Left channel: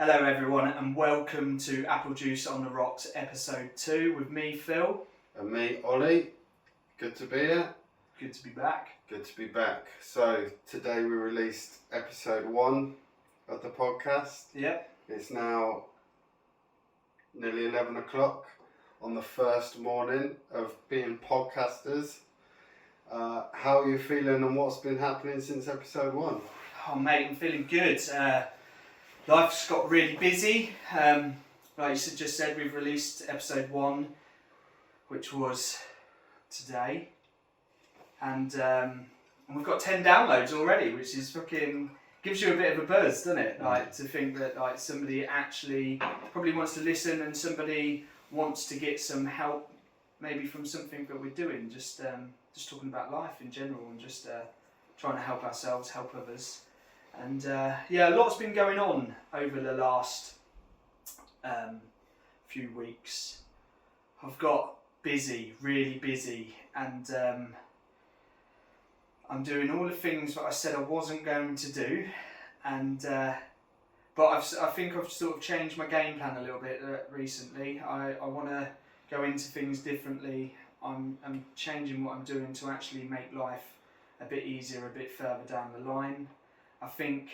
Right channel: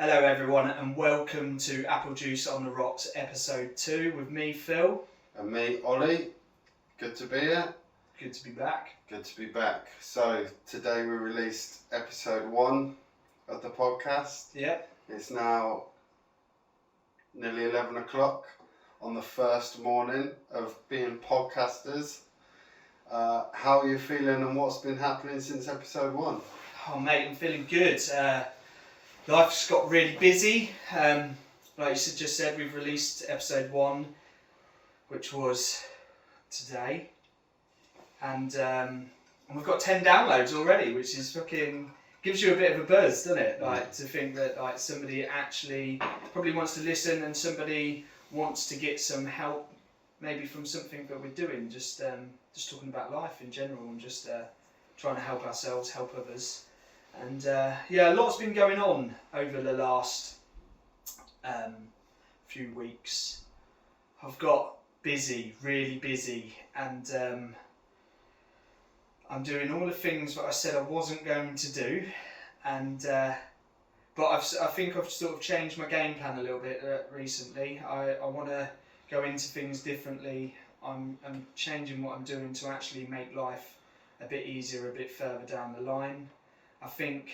Hello everyone and welcome to Apple Juice on the Rocks episode 2 with me, Phil. And me, Ollie. Good to be here. Good to be back. Good to be back. So today we released episode 1 of the podcast. Yep. It's now nearly 11 o'clock on the first morning of being podcasters. How are you feeling and what's been happening since episode 1? Oh mate, I'm feeling good. Life's got really busy. Like you just said, we've released episode 1, which was today. And we've got 10 downloads already, which is fucking gives you a bit of a buzz, doesn't it? Like to think that like somebody actually probably wants to listen and somebody wants to get some help, maybe from something that we're doing. Just talking about life in general and just trying to help ourselves, help others. And a lot's been going on over the last few weeks. I've got busy, really busy, and I'm doing all the things that I said I wasn't going to do, and but I think I've sort of changed my game plan a little bit recently. I want to go into things differently. I'm changing what I'm doing to actually make life a bit easier, a bit further down the line. I think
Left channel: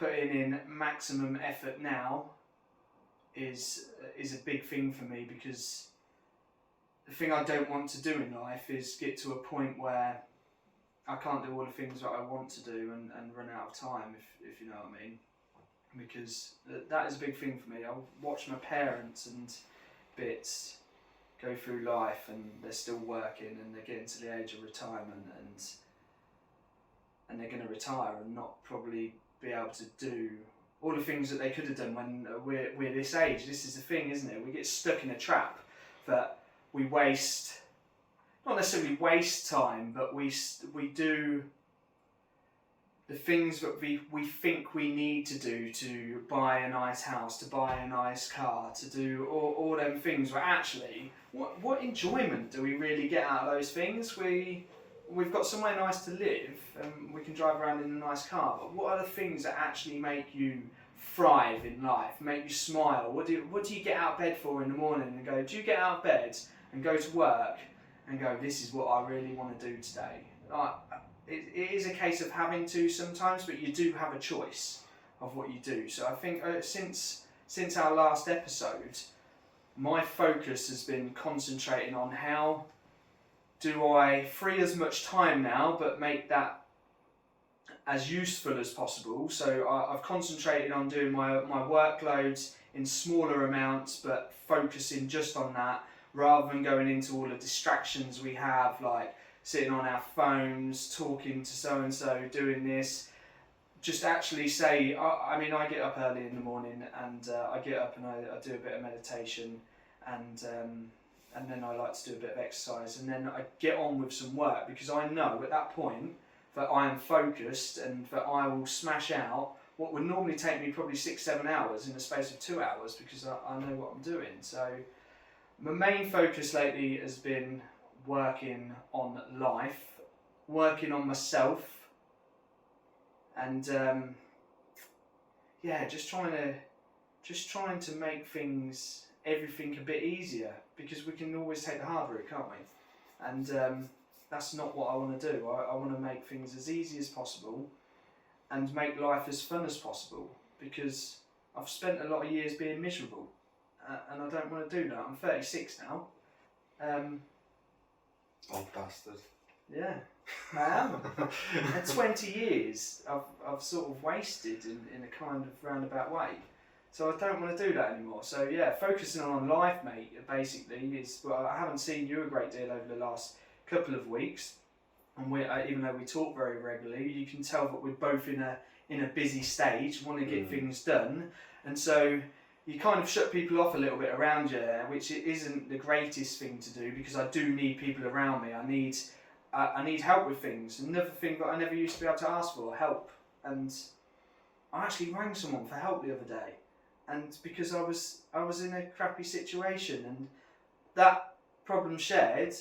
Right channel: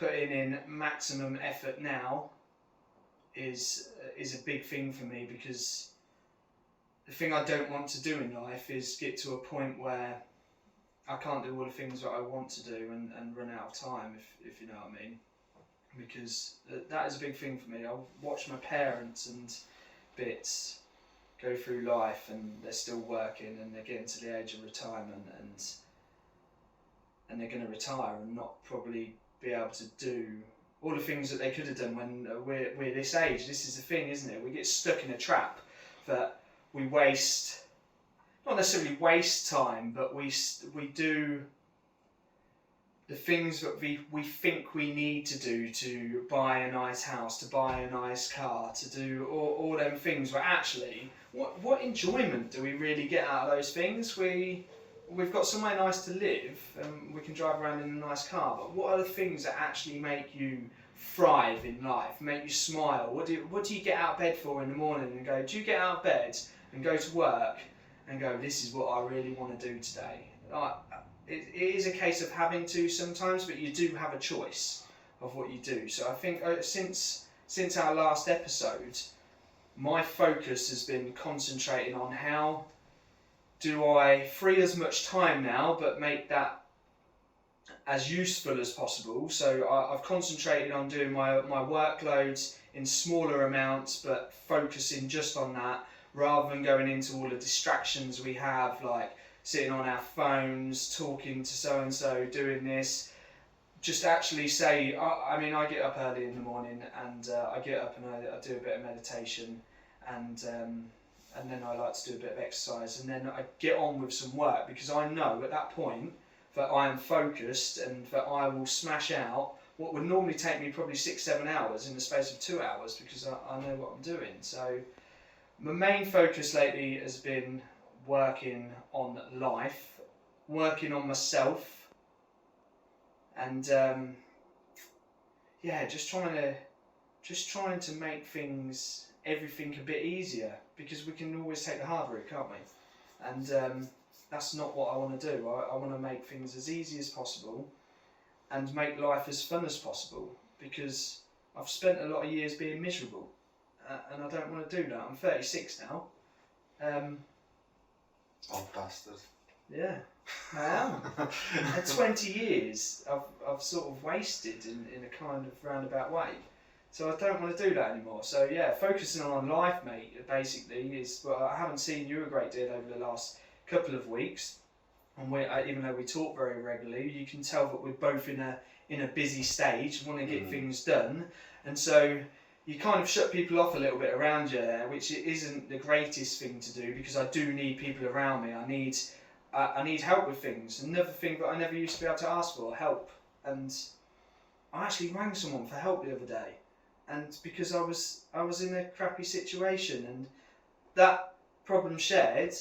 putting in maximum effort now is a big thing for me, because the thing I don't want to do in life is get to a point where I can't do all the things that I want to do and run out of time, if you know what I mean. Because that is a big thing for me. I watch my parents and bits go through life and they're still working and they're getting to the age of retirement and they're going to retire and not probably be able to do all the things that they could have done when we're this age. This is the thing, isn't it? We get stuck in a trap that we waste, not necessarily waste time, but we do the things that we think we need to do to buy a nice house, to buy a nice car, to do all them things, where actually, what enjoyment do we really get out of those things? We've got somewhere nice to live and we can drive around in a nice car, but what are the things that actually make you thrive in life, make you smile? What do you get out of bed for in the morning and go, do you get out of bed and go to work and go, this is what I really want to do today? It is a case of having to sometimes, but you do have a choice of what you do. So I think since our last episode, my focus has been concentrating on how do I free as much time now, but make that as useful as possible. So I've concentrated on doing my workloads in smaller amounts, but focusing just on that, rather than going into all the distractions we have, like sitting on our phones, talking to so-and-so, doing this. Just actually say, I get up early in the morning and I get up and I do a bit of meditation and then I like to do a bit of exercise, and then I get on with some work, because I know at that point that I am focused and that I will smash out what would normally take me probably 6-7 hours in the space of 2 hours, because I know what I'm doing. So my main focus lately has been working on life, working on myself, and just trying to make everything a bit easier, because we can always take the hard route, can't we? And that's not what I want to do. I want to make things as easy as possible and make life as fun as possible, because I've spent a lot of years being miserable and I don't want to do that. I'm 36 now. Old bastard. Yeah, I am. 20 years I've sort of wasted in a kind of roundabout way. So I don't want to do that anymore. So yeah, focusing on life, mate, basically is. Well, I haven't seen you a great deal over the last couple of weeks, and even though we talk very regularly, you can tell that we're both in a busy stage, want to get things done, and so you kind of shut people off a little bit around you, which isn't the greatest thing to do, because I do need people around me. I need help with things. Another thing that I never used to be able to ask for, help, and I actually rang someone for help the other day. And because I was in a crappy situation, and that problem shared,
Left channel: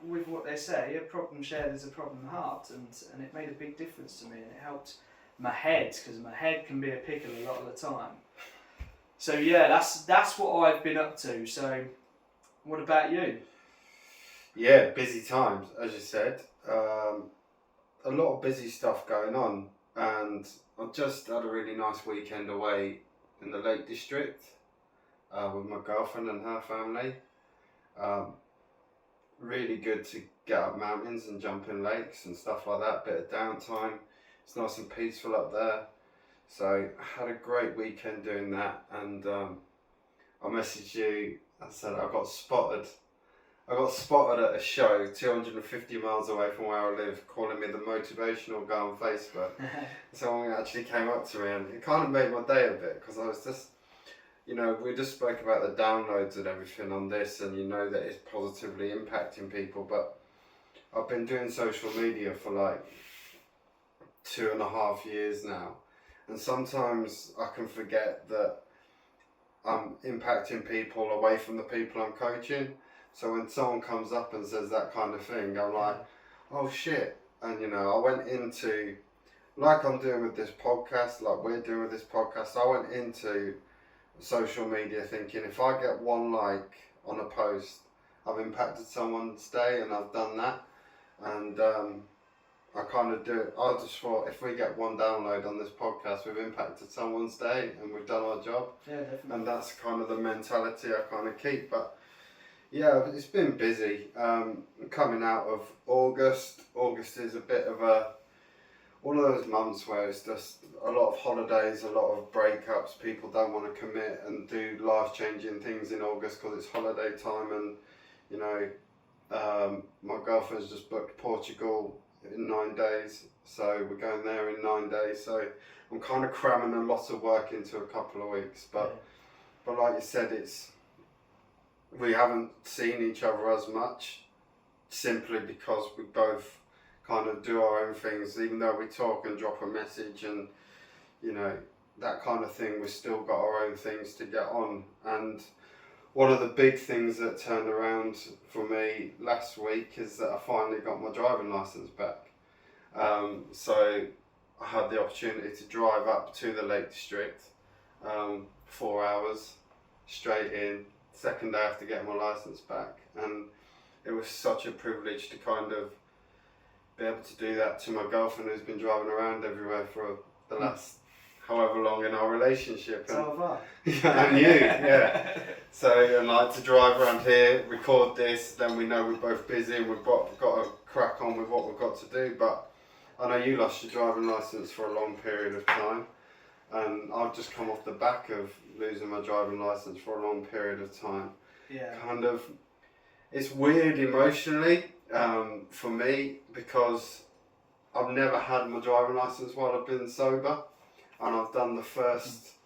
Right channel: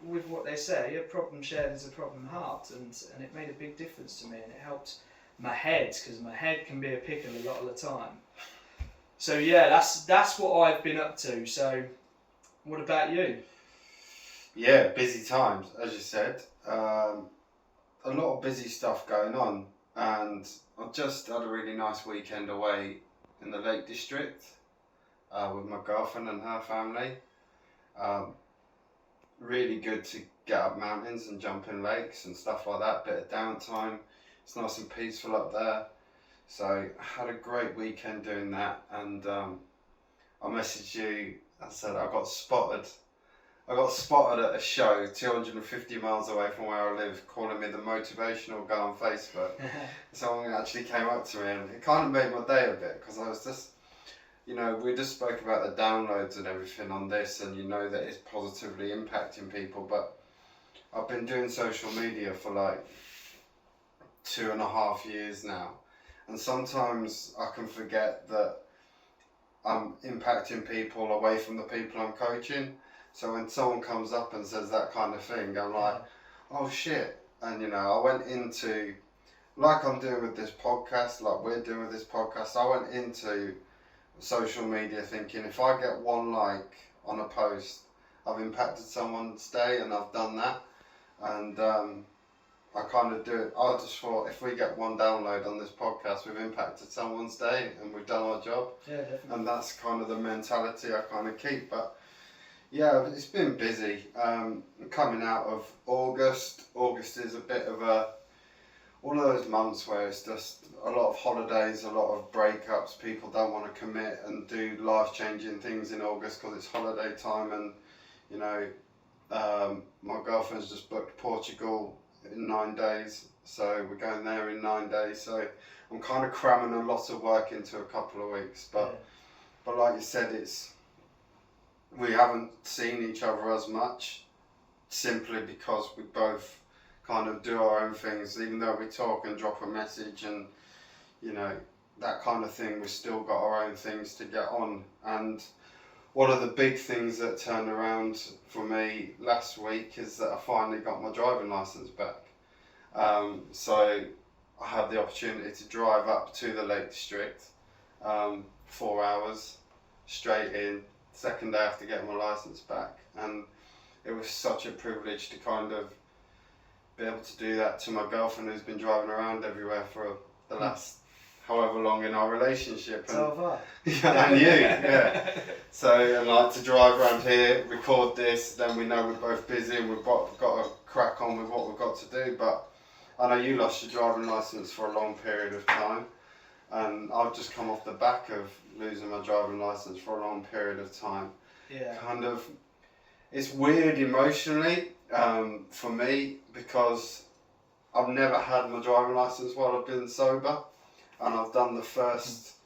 with what they say, a problem shared is a problem halved, and it made a big difference to me, and it helped my head, because my head can be a pickle a lot of the time. So yeah, that's what I've been up to. So what about you? Yeah, busy times, as you said. A lot of busy stuff going on, and I've just had a really nice weekend away in the Lake District with my girlfriend and her family. Really good to get up mountains and jump in lakes and stuff like that. Bit of downtime. It's nice and peaceful up there. So I had a great weekend doing that, and I messaged you. I said I got spotted at a show 250 miles away from where I live, calling me the motivational guy on Facebook. Someone actually came up to me, and it kind of made my day a bit, because I was just, we just spoke about the downloads and everything on this, and that it's positively impacting people, but I've been doing social media for like 2.5 years now, and sometimes I can forget that I'm impacting people away from the people I'm coaching. So when someone comes up and says that kind of thing, I'm like, oh shit. And I went into, like I'm doing with this podcast, like we're doing with this podcast, I went into social media thinking, if I get one like on a post, I've impacted someone's day, and I've done that. And I kind of do it. I just thought, if we get one download on this podcast, we've impacted someone's day and we've done our job. Yeah, definitely. And that's kind of the mentality I kind of keep. But yeah, it's been busy. Coming out of August. August is a bit of one of those months where it's just a lot of holidays, a lot of breakups. People don't want to commit and do life-changing things in August because it's holiday time. And my girlfriend's just booked Portugal in 9 days, so we're going there in 9 days. So I'm kind of cramming a lot of work into a couple of weeks. But like you said, we haven't seen each other as much, simply because we both kind of do our own things. Even though we talk and drop a message and that kind of thing, we've still got our own things to get on. And one of the big things that turned around for me last week is that I finally got my driving licence back. So I had the opportunity to drive up to the Lake District, 4 hours straight in. Second day after getting my licence back, and it was such a privilege to kind of be able to do that to my girlfriend, who's been driving around everywhere for the last however long in our relationship. And, and you, yeah. So, and like to drive around here, record this, then we know we're both busy and we've got to crack on with what we've got to do. But I know you lost your driving licence for a long period of time, and I've just come off the back of losing my driving licence for a long period of time. Yeah. Kind of, it's weird emotionally for me, because I've never had my driving licence while I've been sober, and I've done the first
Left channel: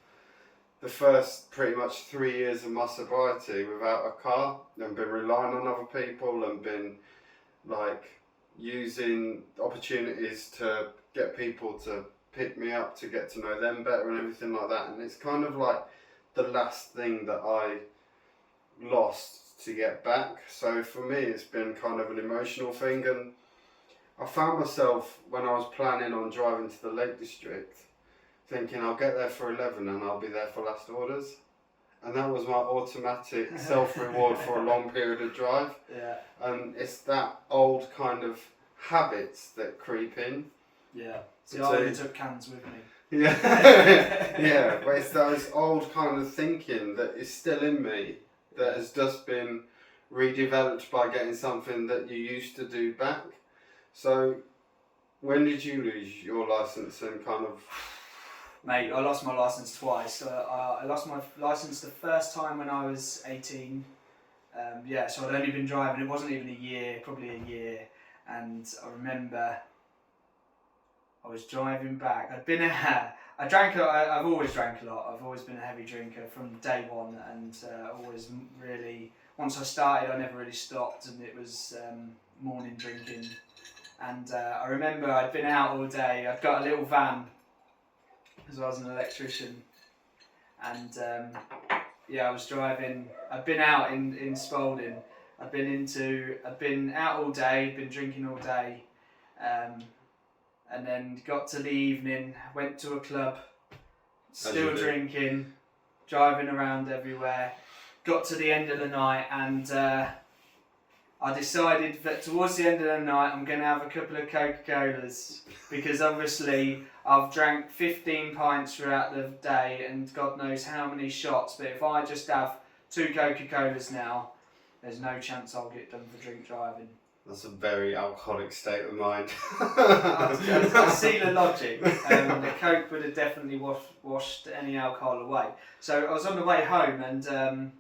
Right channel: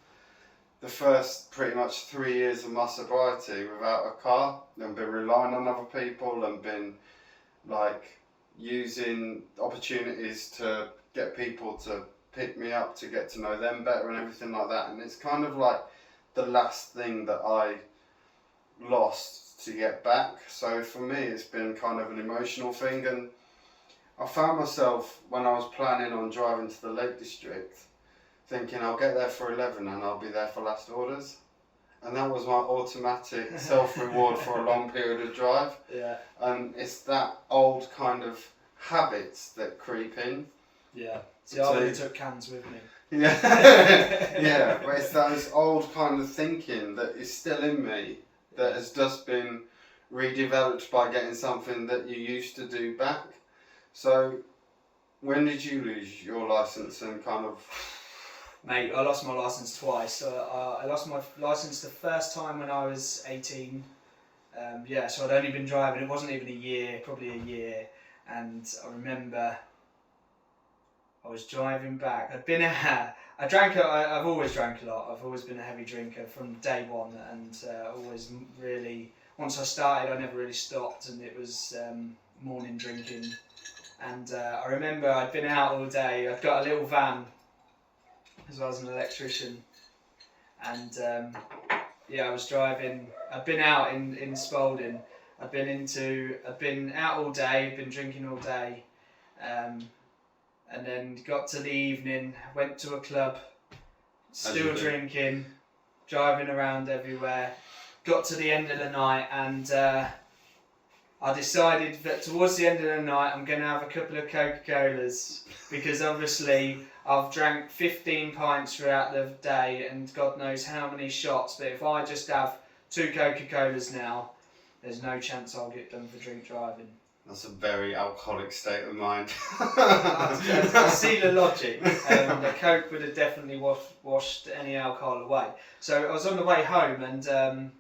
pretty much 3 years of my sobriety without a car, and been relying on other people, and been like using opportunities to get people to pick me up, to get to know them better and everything like that. And it's kind of like the last thing that I lost to get back. So for me, it's been kind of an emotional thing. And I found myself, when I was planning on driving to the Lake District, thinking I'll get there for 11 and I'll be there for last orders. And that was my automatic self-reward for a long period of drive. Yeah. And it's that old kind of habits that creep in. Yeah. See, I only took cans with me. Yeah, yeah, but it's those old kind of thinking that is still in me, that has just been redeveloped by getting something that you used to do back. So, when did you lose your licence and kind of? Mate, I lost my licence twice. I lost my licence the first time when I was 18. So I'd only been driving, it wasn't even a year, probably a year. And I remember I was driving back. I've always drank a lot. I've always been a heavy drinker from day one, and always really, once I started, I never really stopped, and it was morning drinking. And I remember I'd been out all day. I'd got a little van, because I was an electrician, and I was driving. I'd been out in Spalding. I'd been out all day. I'd been drinking all day. and then got to the evening, went to a club, still drinking, driving around everywhere. Got to the end of the night, and I decided that towards the end of the night I'm going to have a couple of Coca-Colas, because obviously I've drank 15 pints throughout the day and God knows how many shots, but if I just have 2 Coca-Colas now, there's no chance I'll get done for drink driving. That's a very alcoholic state of mind. I see the logic. The Coke would have definitely washed any alcohol away. So I was on the way home, and it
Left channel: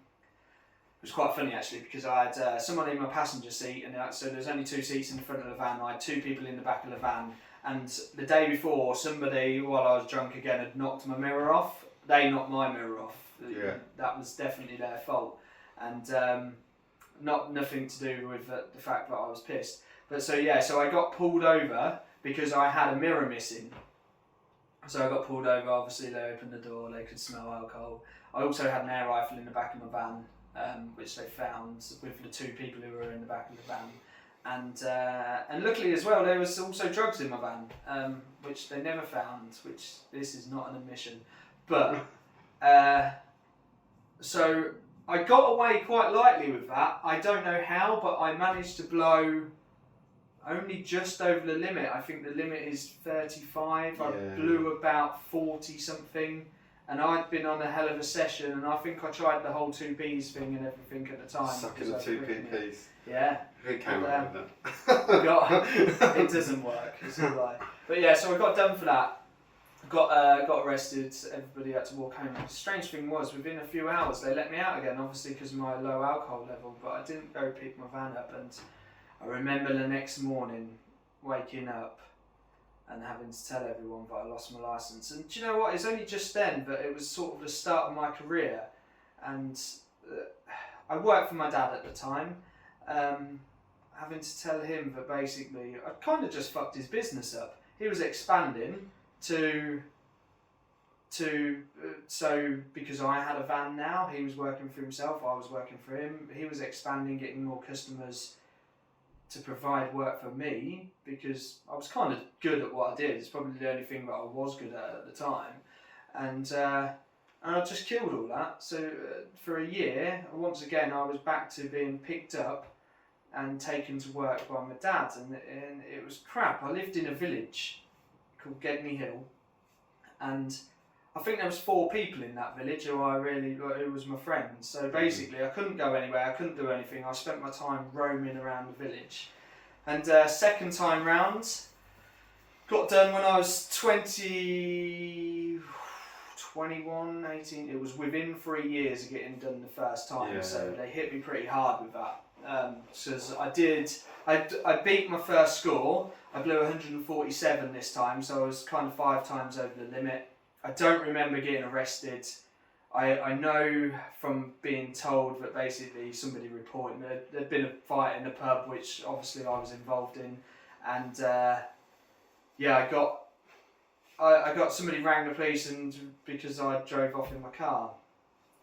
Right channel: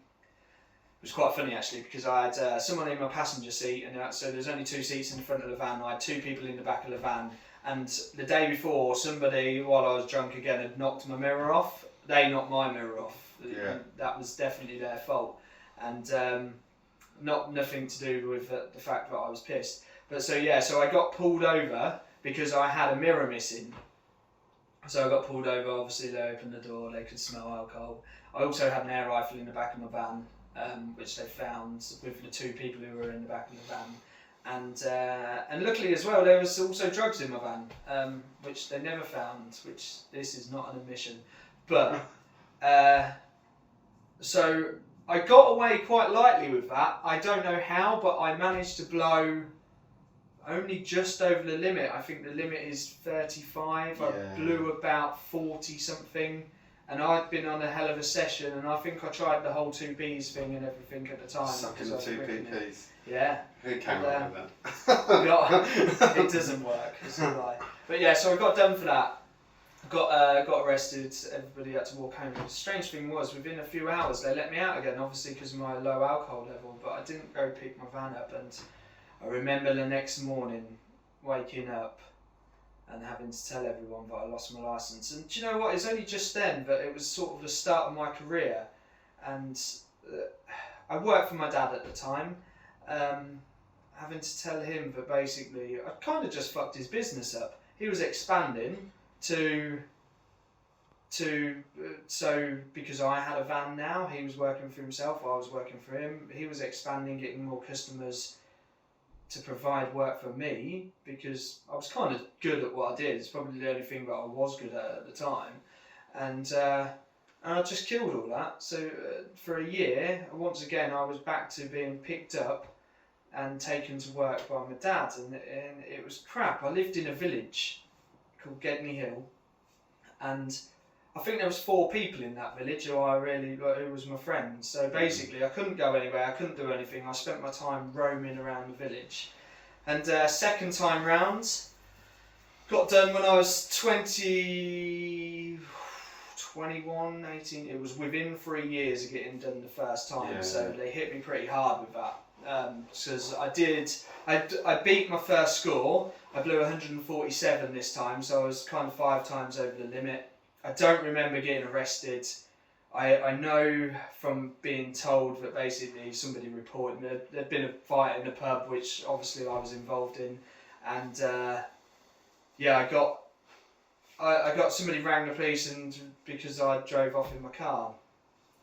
was quite funny actually, because I had someone in my passenger seat, and so there's only 2 seats in the front of the van. I had 2 people in the back of the van, and the day before, somebody, while I was drunk again, had knocked my mirror off. They knocked my mirror off. Yeah. That was definitely their fault, and nothing to do with the fact that I was pissed. But so I got pulled over because I had a mirror missing. So I got pulled over, obviously they opened the door, they could smell alcohol. I also had an air rifle in the back of my van, which they found with the 2 people who were in the back of the van. And luckily as well, there was also drugs in my van, which they never found, which this is not an admission. But, so I got away quite lightly with that. I don't know how, but I managed to blow only just over the limit. I think the limit is 35. Yeah. I blew about 40 something, and I'd been on a hell of a session, and I think I tried the whole 2Ps thing and everything at the time. Sucking the 2Ps. Yeah. Who came up with that? It doesn't work. It's a lie. But yeah, so I got done for that. Got arrested, everybody had to walk home. The strange thing was, within a few hours they let me out again, obviously because of my low alcohol level, but I didn't go pick my van up, and I remember the next morning waking up and having to tell everyone that I lost my licence. And do you know what, it's only just then, but it was sort of the start of my career, and I worked for my dad at the time, having to tell him that basically I kind of just fucked his business up. He was expanding so because I had a van now, he was working for himself, I was working for him. He was expanding, getting more customers to provide work for me, because I was kind of good at what I did. It's probably the only thing that I was good at the time, and I just killed all that. So for a year, once again, I was back to being picked up and taken to work by my dad, and it was crap. I lived in a village called Gedney Hill, and I think there was 4 people in that village who was my friends. So basically I couldn't go anywhere, I couldn't do anything. I spent my time roaming around the village. And second time round, got done when I was 21, 18. It was within 3 years of getting done the first time, so they hit me pretty hard with that. Because I beat my first score. I blew 147 this time, so I was kind of 5 times over the limit. I don't remember getting arrested. I know from being told that basically somebody reported there'd been a fight in the pub, which obviously I was involved in, and I got somebody rang the police, and because I drove off in my car,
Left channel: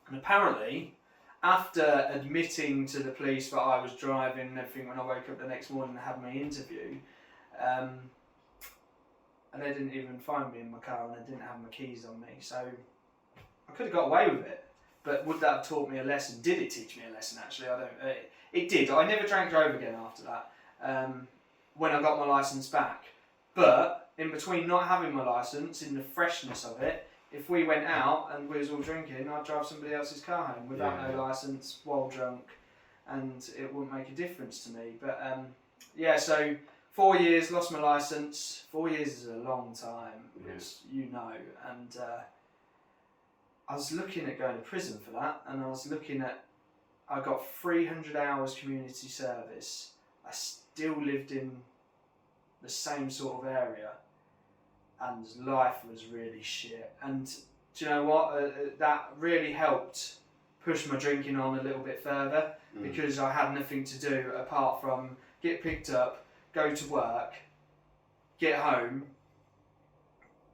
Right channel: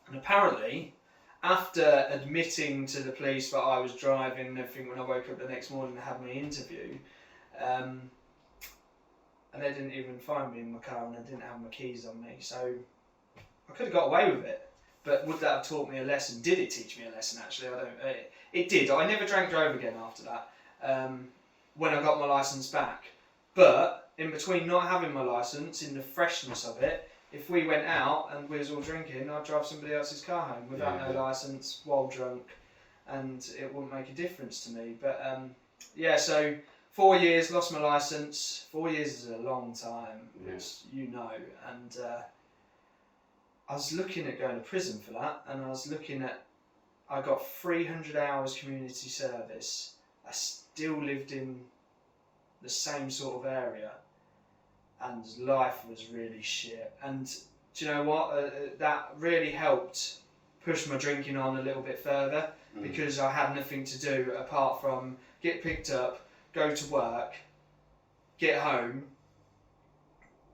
and apparently, after admitting to the police that I was driving and everything, when I woke up the next morning and had my interview, and they didn't even find me in my car, and I didn't have my keys on me, so I could have got away with it. But would that have taught me a lesson? Did it teach me a lesson, actually? I don't know. It did. I never drank drove again after that, when I got my licence back. But in between not having my licence, in the freshness of it, if we went out and we was all drinking, I'd drive somebody else's car home without no licence, while drunk, and it wouldn't make a difference to me. But so 4 years, lost my licence. 4 years is a long time, as you know, and I was looking at going to prison for that, and I got 300 hours community service. I still lived in the same sort of area, and life was really shit. And do you know what? That really helped push my drinking on a little bit further, because I had nothing to do apart from get picked up, go to work, get home,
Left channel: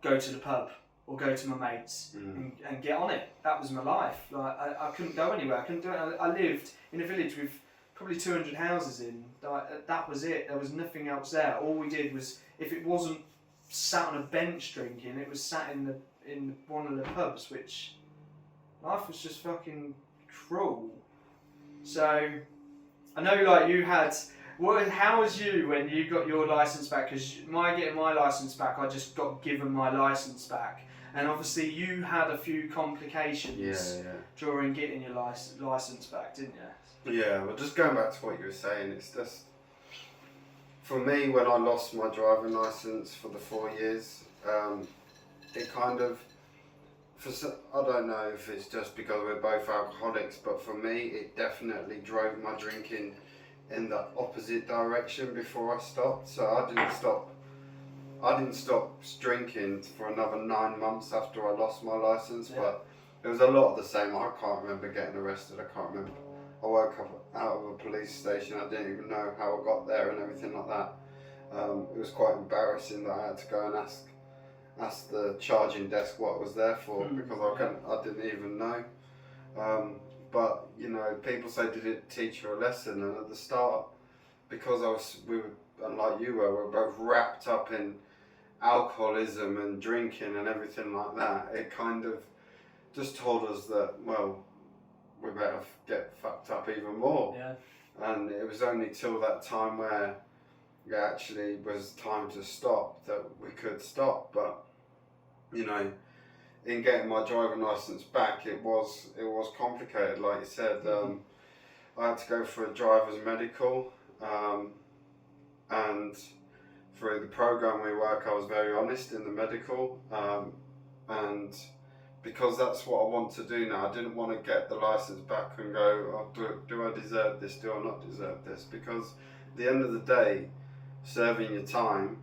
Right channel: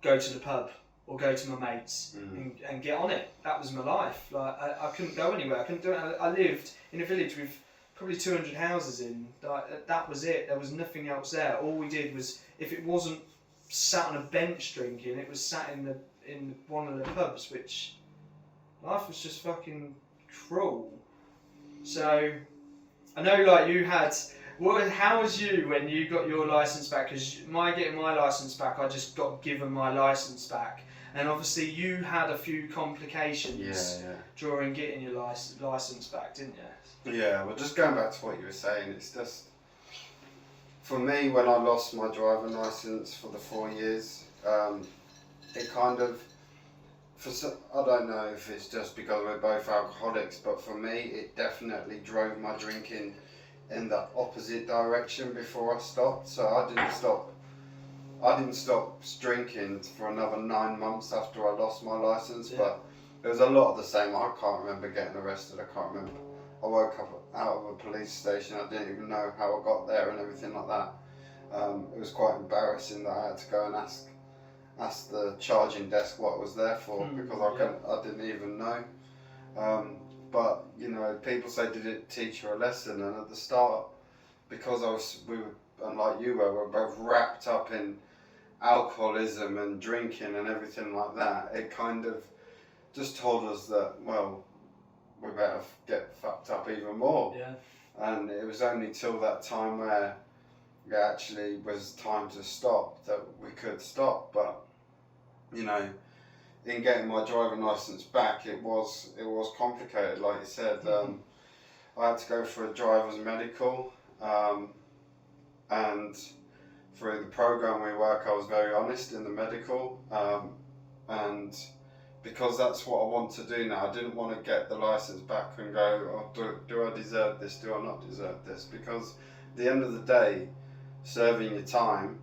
go to the pub or go to my mates and get on it. That was my life. Like I couldn't go anywhere. I couldn't do it. I lived in a village with probably 200 houses in. That was it. There was nothing else there. All we did was, if it wasn't sat on a bench drinking. It was sat in one of the pubs, which life was just fucking cruel. So I know, like, you had. How was you when you got your license back? Because getting my license back, I just got given my license back, and obviously you had a few complications during getting your license back, didn't you? Yeah. Well, just going back to what you were saying, it's just for me when I lost my driving license for the 4 years, it kind of. I don't know if it's just because we're both alcoholics, but for me, it definitely drove my drinking in the opposite direction before I stopped. So I didn't stop drinking for another 9 months after I lost my license, but it was a lot of the same. I can't remember getting arrested. I can't remember. I woke up out of a police station. I didn't even know how I got there and everything like that. It was quite embarrassing that I had to go and ask the charging desk what I was there for, because I didn't even know. But you know, people say, did it teach her a lesson? And at the start, because we were, and like you were both wrapped up in alcoholism and drinking and everything like that, it kind of just told us that, well, we better get fucked up even more. And it was only till that time where it actually was time to stop that we could stop. But you know, in getting my driving license back, it was complicated. Like you said, I had to go for a driver's medical, and through the program we work, I was very honest in the medical, and because that's what I want to do now. I didn't want to get the license back and go, oh, do I deserve this? Do I not deserve this? Because at the end of the day, serving your time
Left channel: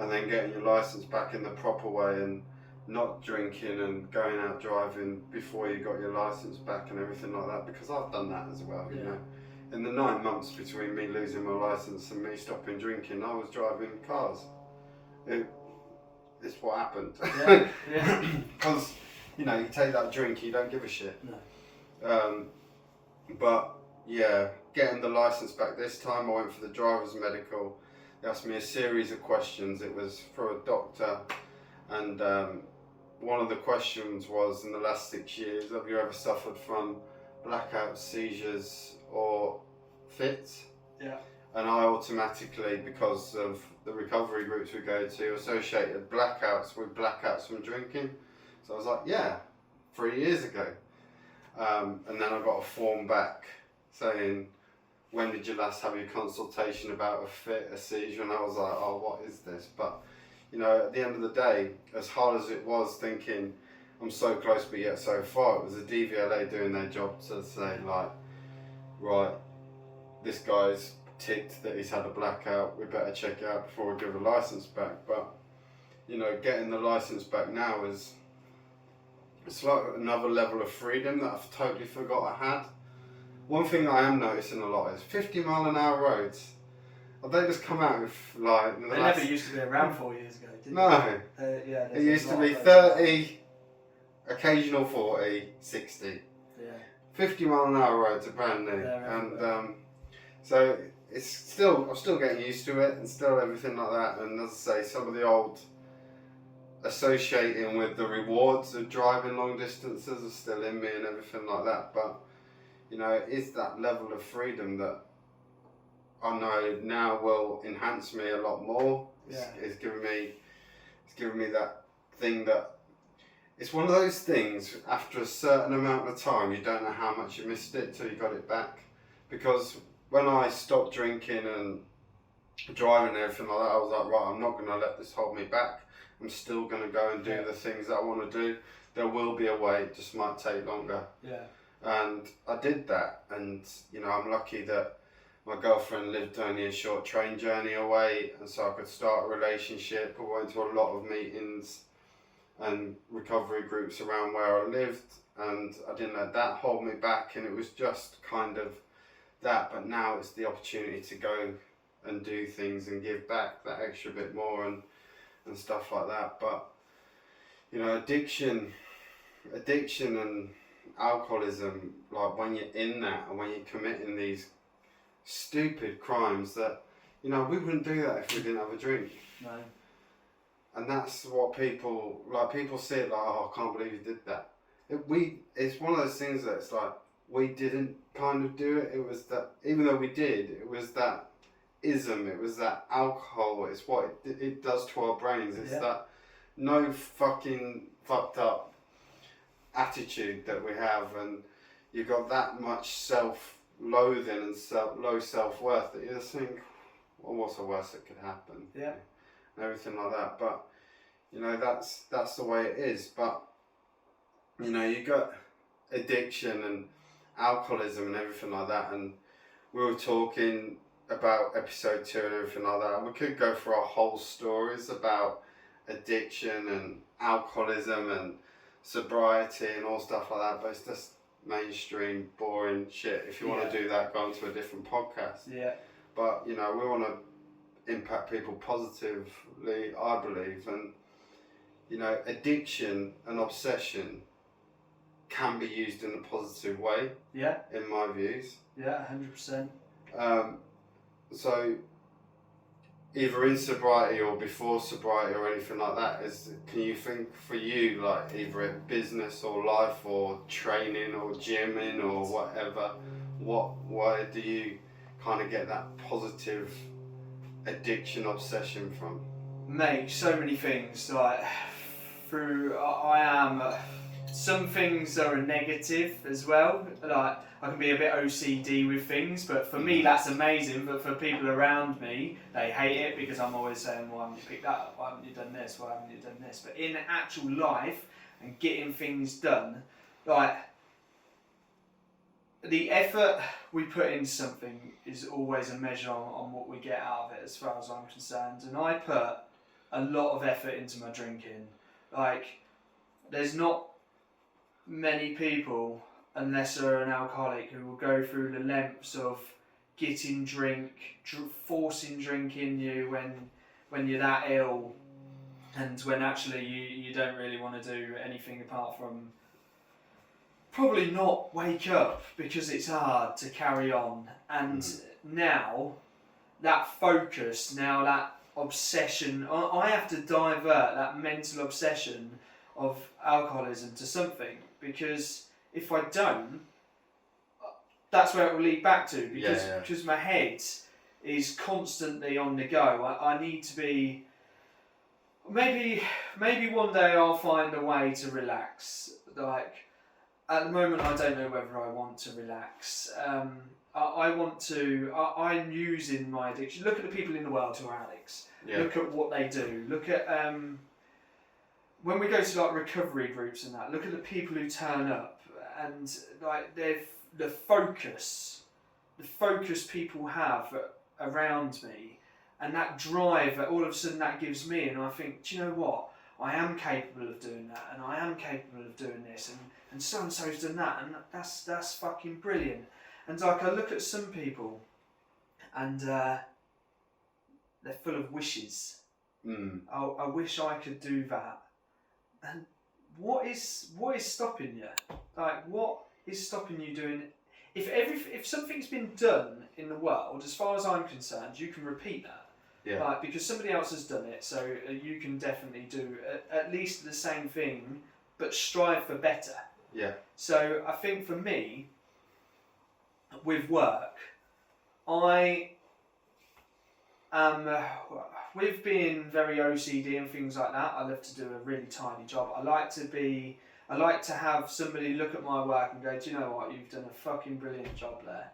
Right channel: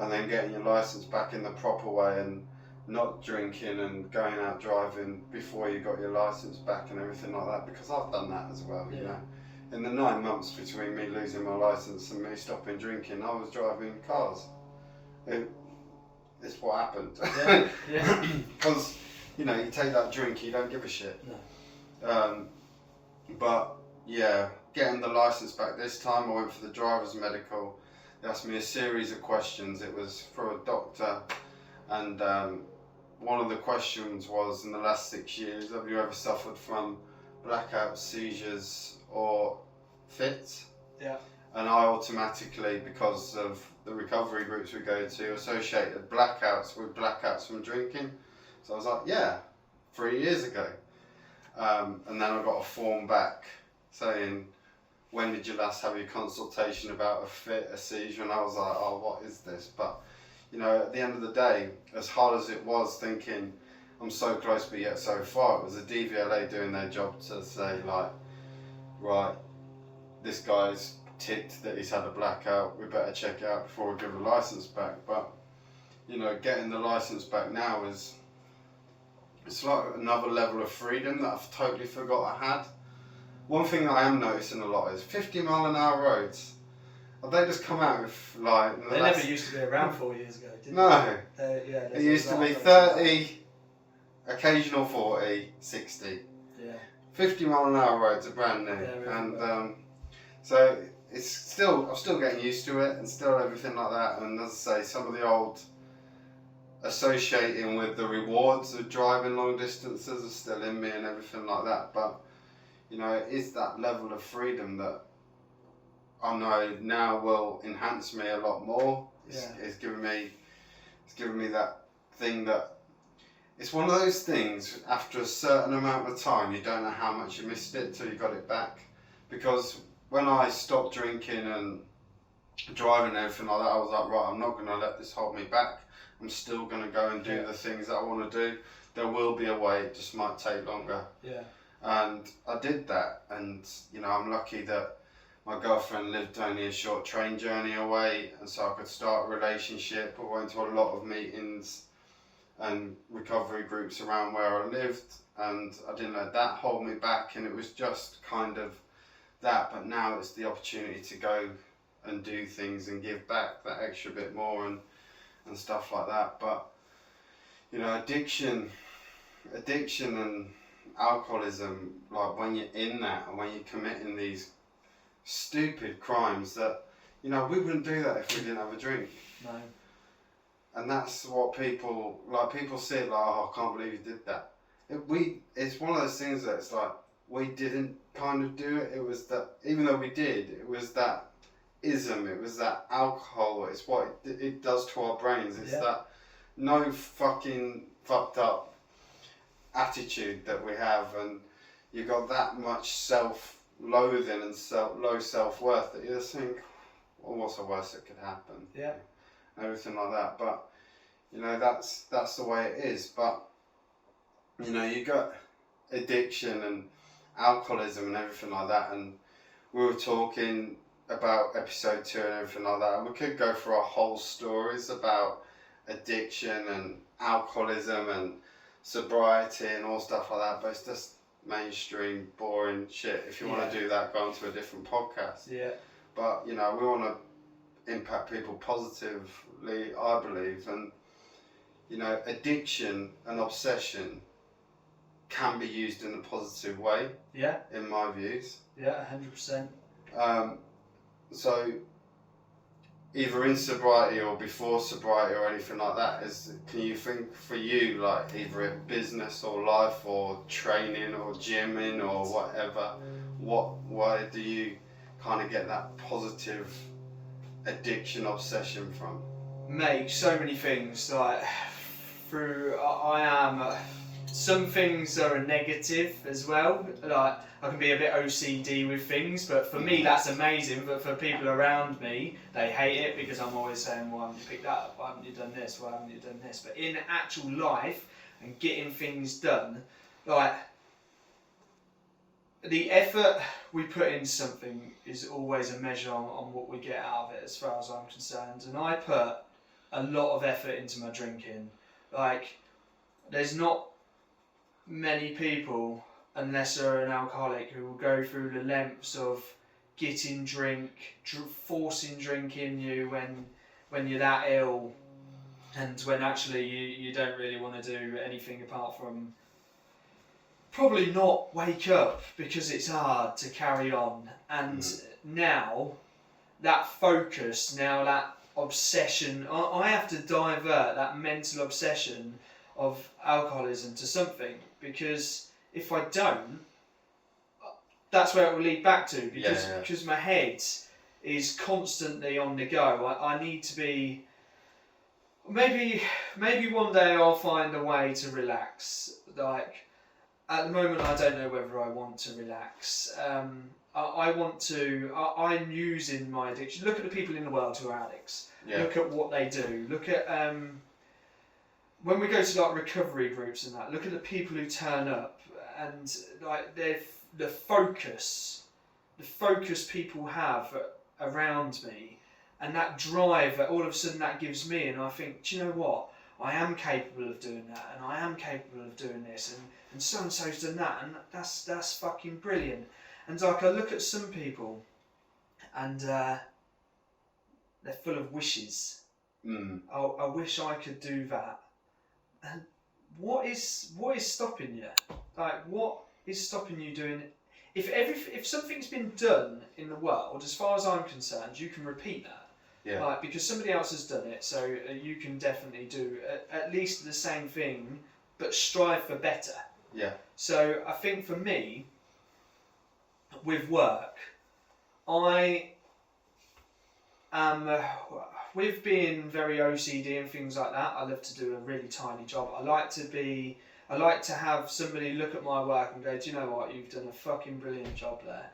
and then getting your license back in the proper way and not drinking and going out driving before you got your license back and everything like that, because I've done that as well, you know. In the 9 months between me losing my license and me stopping drinking, I was driving cars. It's what happened. Because, you know, you take that drink, you don't give a shit. No. But, yeah, getting the license back this time, I went for the driver's medical. They asked me a series of questions. It was for a doctor, and one of the questions was, in the last 6 years, have you ever suffered from blackouts, seizures or fits? Yeah. And I automatically, because of the recovery groups we go to, associated blackouts with blackouts from drinking. So I was like, yeah, 3 years ago. And then I got a form back saying, when did you last have your consultation about a fit, a seizure? And I was like, oh, what is this? But, you know, at the end of the day, as hard as it was thinking, I'm so close but yet so far, it was the DVLA doing their job to say, like, right, this guy's ticked that he's had a blackout, we better check it out before we give a license back. But, you know, getting the license back now it's like another level of freedom that I've totally forgot I had. One thing that I am noticing a lot is 50-mile-an-hour roads. They just come out with, like... They never used to be around 4 years ago, did no. they? It used to be 30, occasional 40, 60. Yeah. 50-mile-an-hour roads are brand new. And so I'm still getting used to it and still everything like that. And as I say, some of the old associating with the rewards of driving long distances are still in me and everything like that. But you know, it is that level of freedom that I know now will enhance me a lot more. It's given me that thing that it's one of those things. After a certain amount of time, you don't know how much you missed it till you got it back. Because when I stopped drinking and driving and everything like that, I was like, right, I'm not going to let this hold me back. I'm still going to go and do the things that I want to do. There will be a way, it just might take longer. Yeah. And I did that, and you know, I'm lucky that my girlfriend lived only a short train journey away, and so I could start a relationship. I went to a lot of meetings and recovery groups around where I lived, and I didn't let that hold me back, and it was just kind of that. But now it's the opportunity to go and do things and give back that extra bit more and stuff like that. But you know, addiction and alcoholism, like when you're in that and when you're committing these stupid crimes that, you know, we wouldn't do that if we didn't have a drink. No. And that's what people see it like, oh, I can't believe you did that. It's one of those things that it's like, we didn't kind of do it. It was that, even though we did, it was that ism, it was that alcohol, it's what it does to our brains. It's that no fucking fucked up attitude that we have, and you've got that much self-loathing and low self-worth that you just think, well, what's the worst that could happen? Yeah. And everything like that. But, you know, that's the way it is. But, you know, you got addiction and alcoholism and everything like that, and we were talking about episode 2 and everything like that, and we could go through our whole stories about addiction and alcoholism and sobriety and all stuff like that, but it's just mainstream boring shit. If you want to do that, go on to a different podcast. Yeah. But, you know, we want to impact people positively, I believe, and, you know, addiction and obsession can be used in a positive way. Yeah. In my views. Yeah, 100%. So, either in sobriety or before sobriety or anything like that, can you think for you, like either in business or life or training or gymming or whatever, why do you kind of get that positive addiction obsession from? Mate, so many things. Like I am. Some things are a negative as well. Like I can be a bit OCD with things, but for me that's amazing. But for people around me, they hate it because I'm always saying, "Why haven't you picked that up? Why haven't you done this? Why haven't you done this?" But in actual life and getting things done, like the effort we put into something is always a measure on what we get out of it, as far as I'm concerned. And I put a lot of effort into my drinking. Like, there's not many people, unless they're an alcoholic, who will go through the lengths of getting drink, forcing drink in you when you're that ill, and when actually you don't really want to do anything apart from probably not wake up, because it's hard to carry on. And now that focus, now that obsession, I have to divert that mental obsession of alcoholism to something, because if I don't, that's where it will lead back to, because my head is constantly on the go. I need to be, maybe one day I'll find a way to relax. Like, at the moment I don't know whether I want to relax. I'm using my addiction. Look at the people in the world who are addicts. Yeah. Look at what they do. Look at when we go to like recovery groups and that. Look at the people who turn up, and like the focus people have around me, and that drive that all of a sudden that gives me, and I think, do you know what? I am capable of doing that, and I am capable of doing this, and so and so's done that, and that's fucking brilliant. And like I look at some people, and they're full of wishes. I wish I could do that. And what is stopping you? Like, what is stopping you doing it? If something's been done in the world, as far as I'm concerned, you can repeat that. Yeah. Like, because somebody else has done it, so you can definitely do at least the same thing, but strive for better. Yeah. So I think for me, with work, I am, with being very OCD and things like that, I love to do a really tiny job. I like to have somebody look at my work and go, do you know what, you've done a fucking brilliant job there.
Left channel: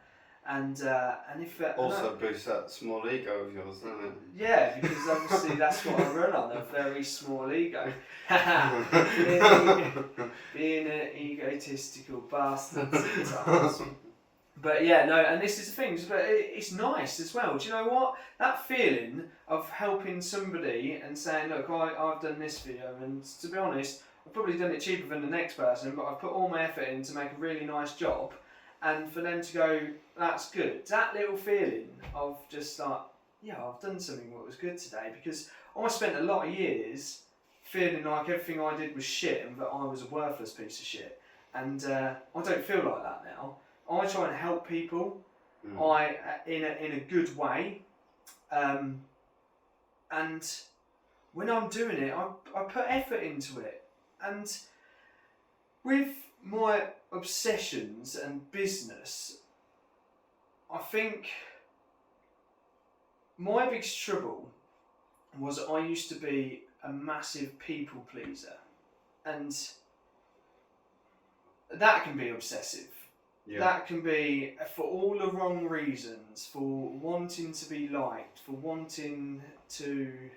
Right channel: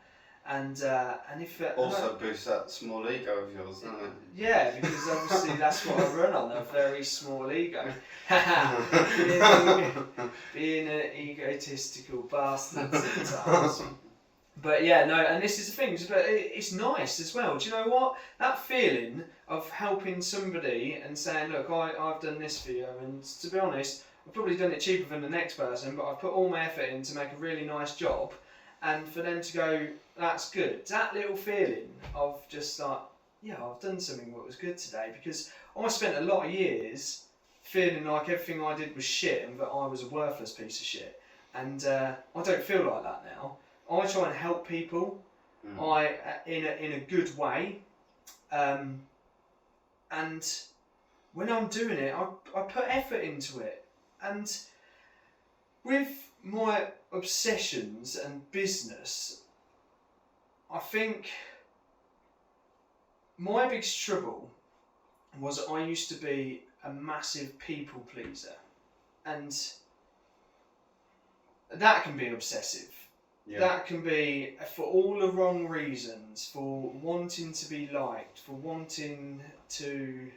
And if also boosts that small ego of yours, doesn't it? Yeah, because obviously that's what I run on, a very small ego. being an egotistical bastard sometimes. But yeah, no, and this is the thing, but it's nice as well. Do you know what? That feeling of helping somebody and saying, look, I've done this for you, and to be honest, I've probably done it cheaper than the next person, but I've put all my effort in to make a really nice job. And for them to go, that's good. That little feeling of just like, yeah, I've done something that was good today, because I spent a lot of years feeling like everything I did was shit and that I was a worthless piece of shit. And I don't feel like that now. I try and help people in a good way. And when I'm doing it, I put effort into it. And with my obsessions and business, I think my biggest trouble was I used to be a massive people pleaser, and that can be obsessive. Yeah. That can be for all the wrong reasons, for wanting to be liked, for wanting to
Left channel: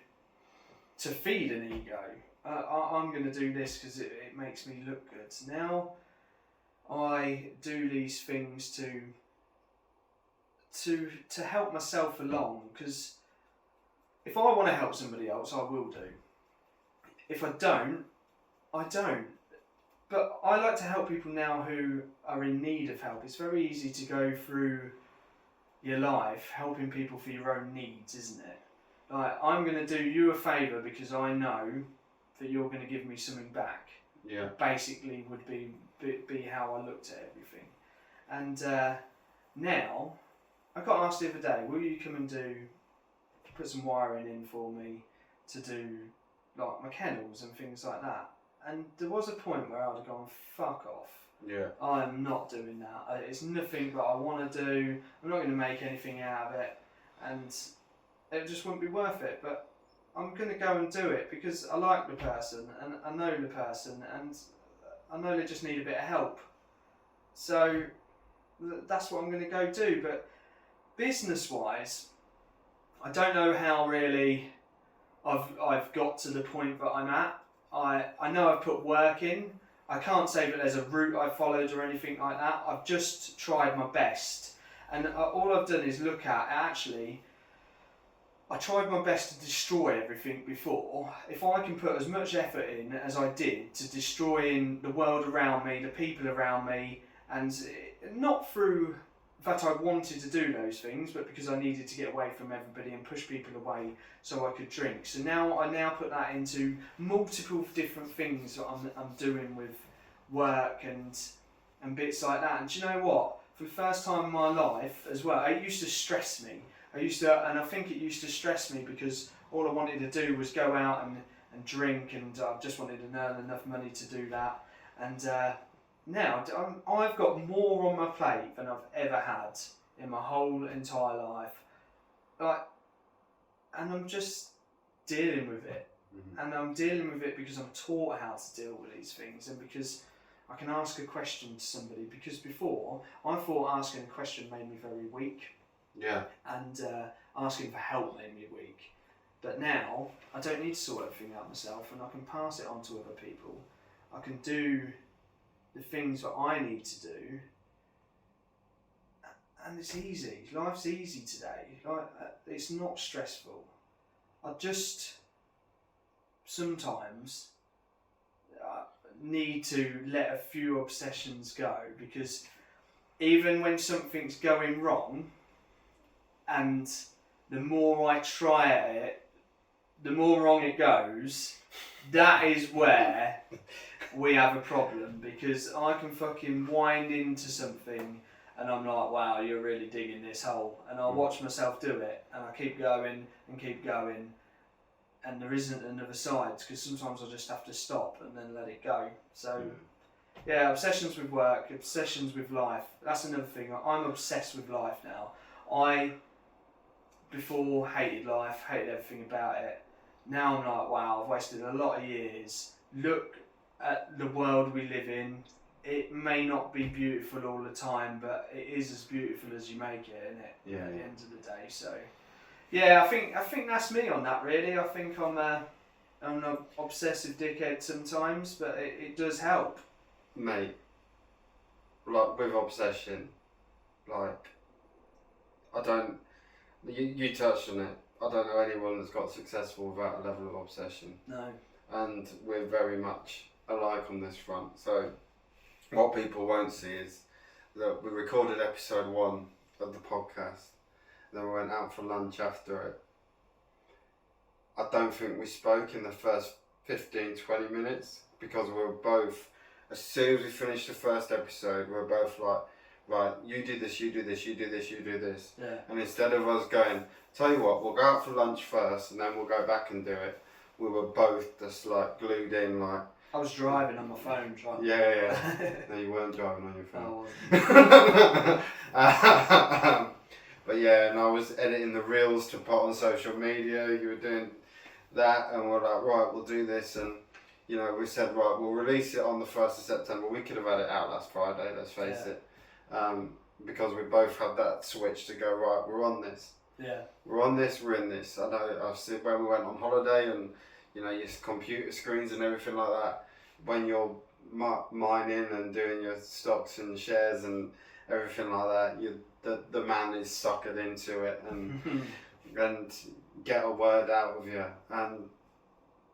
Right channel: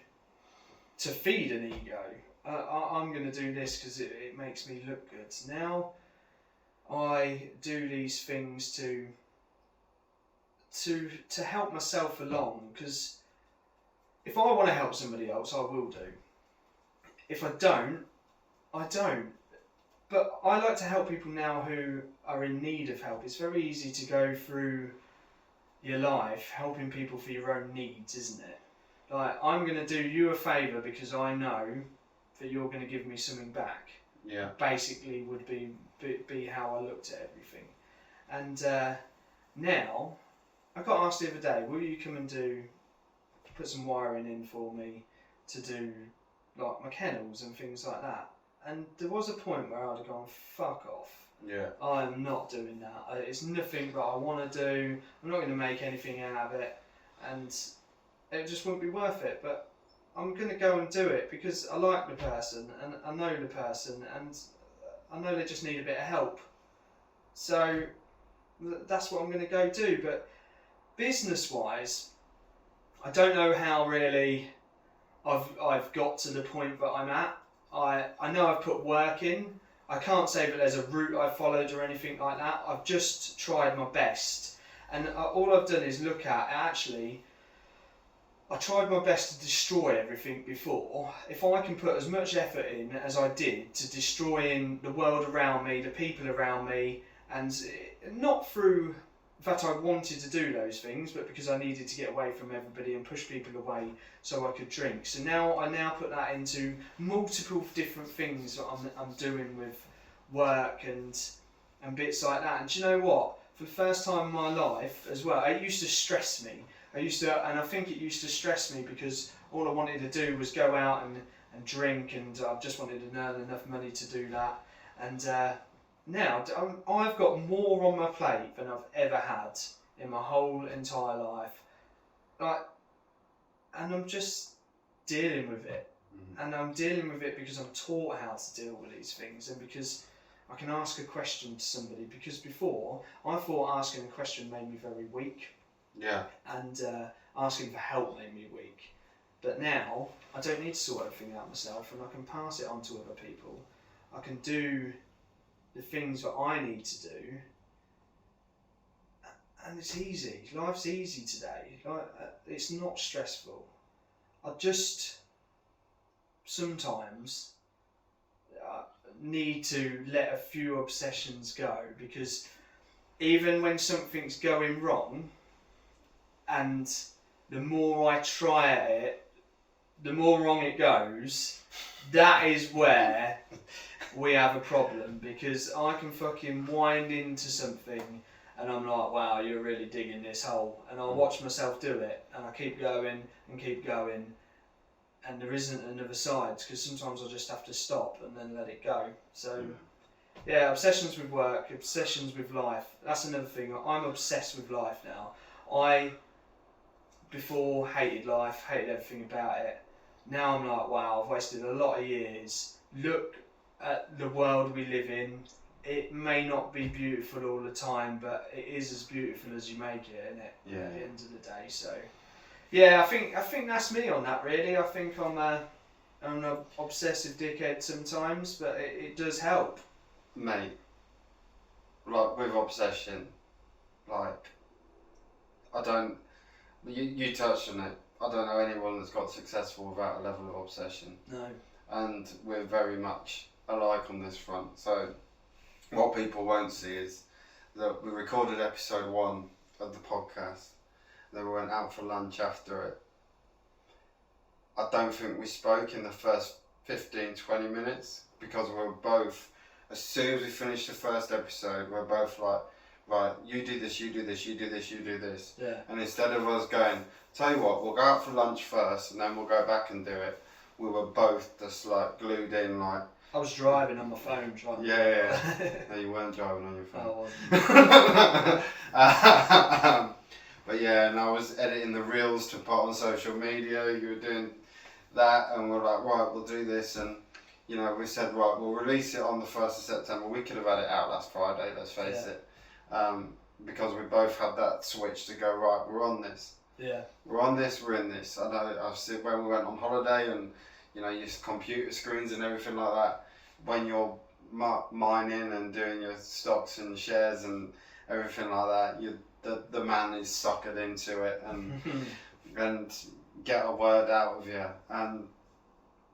feed an ego. I'm going to do this because it makes me look good. Now I do these things to help myself along, because if I want to help somebody else, I will do. If I don't, I don't. But I like to help people now who are in need of help. It's very easy to go through your life helping people for your own needs, isn't it? Like, I'm going to do you a favour because I know that you're going to give me something back. Yeah. Basically would be how I looked at everything. And now, I got asked the other day, will you come and put some wiring in for me to do like my kennels and things like that? And there was a point where I'd have gone, fuck off. Yeah. I am not doing that. It's nothing that I want to do. I'm not going to make anything out of it. And it just wouldn't be worth it. But I'm going to go and do it because I like the person and I know the person and I know they just need a bit of help. So that's what I'm going to go do. But business-wise, I don't know how really I've got to the point that I'm at. I know I've put work in. I can't say that there's a route I've followed or anything like that. I've just tried my best. And all I've done is look at, actually, I tried my best to destroy everything before. If I can put as much effort in as I did to destroying the world around me, the people around me, and not through that I wanted to do those things, but because I needed to get away from everybody and push people away so I could drink. So I now put that into multiple different things that I'm doing with work and bits like that. And do you know what? For the first time in my life as well, it used to stress me. And I think it used to stress me because all I wanted to do was go out and drink, and I just wanted to earn enough money to do that. And now I've got more on my plate than I've ever had in my whole entire life, and I'm just dealing with it. And I'm dealing with it because I'm taught how to deal with these things, and because I can ask a question to somebody. Because before I thought asking a question made me very weak, and asking for help made me weak. But now I don't need to sort everything out myself, and I can pass it on to other people. I can do the things that I need to do, and it's easy. Life's easy today. It's not stressful. I just sometimes need to let a few obsessions go, because even when something's going wrong, and the more I try at it, the more wrong it goes, that is where we have a problem, because I can fucking wind into something and I'm like, wow, you're really digging this hole, and I'll watch myself do it and I keep going and there isn't another side, because sometimes I just have to stop and then let it go. So yeah, obsessions with work, obsessions with life, that's another thing. I'm obsessed with life now. I before hated life, hated everything about it. Now I'm like, wow, I've wasted a lot of years. Look at the world we live in. It may not be beautiful all the time, but it is as beautiful as you make it, isn't it? Yeah. At the end of the day. So yeah, I think that's me on that really. I think I'm an obsessive dickhead sometimes, but it does help. Mate, like with obsession, like you touched on it. I don't know anyone that's got successful without a level of obsession. No. And we're very much alike on this front. So what people won't see is that we recorded episode 1 of the podcast, then we went out for lunch after it. I don't think we spoke in the first 15-20 minutes, because we were both, as soon as we finished the first episode, we were both like, right, you do this, you do this, you do this, you do this. Yeah. And instead of us going, tell you what, we'll go out for lunch first and then we'll go back and do it, we were both just like glued in, like. I was driving on my phone trying. Yeah. No, you weren't driving on your phone. I wasn't. But yeah, and I was editing the reels to put on social media. You were doing that, and we're like, right, we'll do this, and you know, we said, right, we'll release it on the 1st of September. We could have had it out last Friday, let's face it, because we both had that switch to go, right, we're on this. Yeah. We're on this, we're in this. I know I've seen when we went on holiday, and you know, your computer screens and everything like that, when you're mining and doing your stocks and shares and everything like that, the man is suckered into it and get a word out of you, and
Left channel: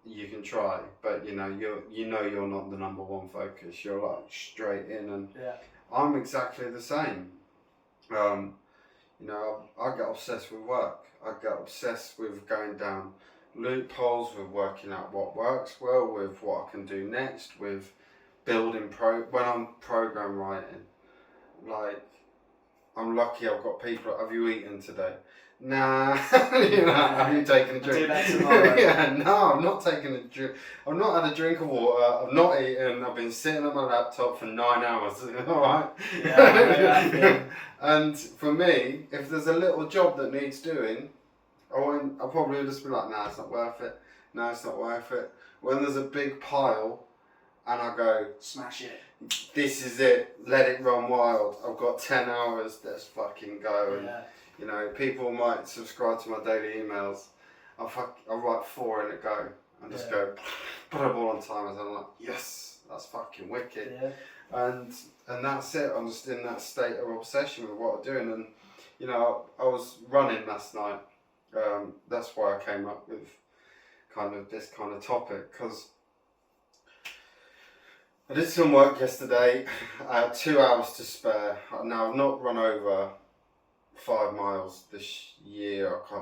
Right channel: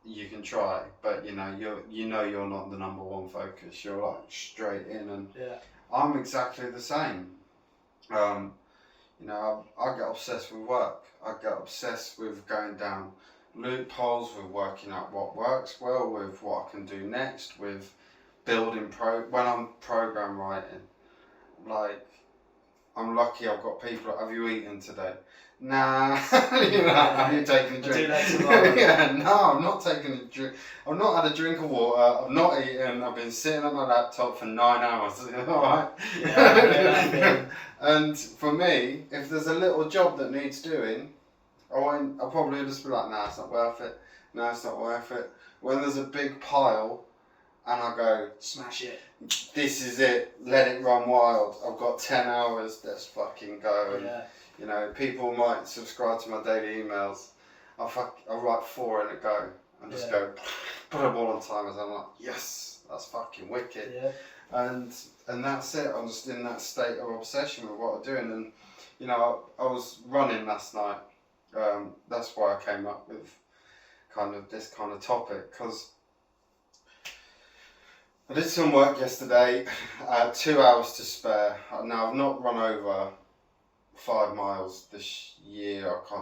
you can try, but you know you're not the number one focus. You're like straight in, and I'm exactly the same. You know, I get obsessed with work. I get obsessed with going down loopholes, with working out what works well, with what I can do next, with building when I'm program writing. Like, I'm lucky I've got people. Have you eaten today? Nah. You know, have you taken a drink? I'll do that tomorrow. Yeah, no, I'm not taking a drink. I've not had a drink of water. I've not eaten. I've been sitting on my laptop for 9 hours. Alright? Yeah, and for me, if there's a little job that needs doing, I'll probably just be like, nah, it's not worth it. No, it's not worth it. When there's a big pile, and I go, smash it. This is it. Let it run wild. I've got 10 hours. Let's fucking go. And you know, people might subscribe to my daily emails. I'll write 4 in a go and just go, put them all on timers. I'm like, yes, that's fucking wicked. Yeah. And that's it. I'm just in that state of obsession with what I'm doing. And you know, I was running last night. That's why I came up with this kind of topic, because I did some work yesterday. I had 2 hours to spare. Now I've not run over 5 miles this year. I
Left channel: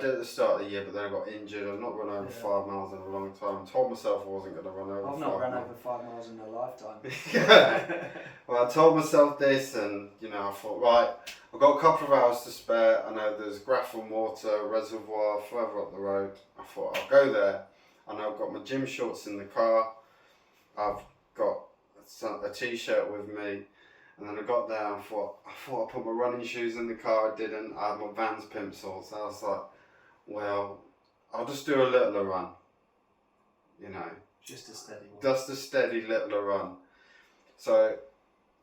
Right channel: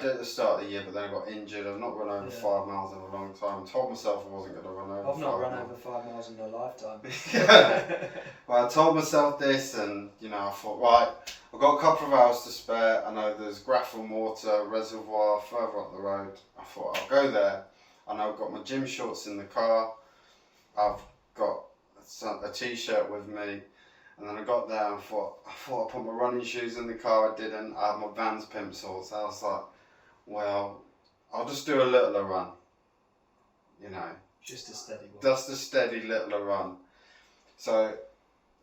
did at the start of the year, but then I got injured. I've not run over 5 miles in a long time. I told myself I wasn't going to run over. I've not run over 5 miles in my lifetime. Yeah. Well, I told myself this, and you know, I thought, right, I've got a couple of hours to spare. I know there's Grafton Water reservoir further up the road. I thought I'll go there. I know I've got my gym shorts in the car. I've got a t-shirt with me, and then I got there and I thought I put my running shoes in the car. I didn't. I had my Vans Plimsolls. So I was like, well, I'll just do a littler run. You know, just a steady one. Just a steady littler run. So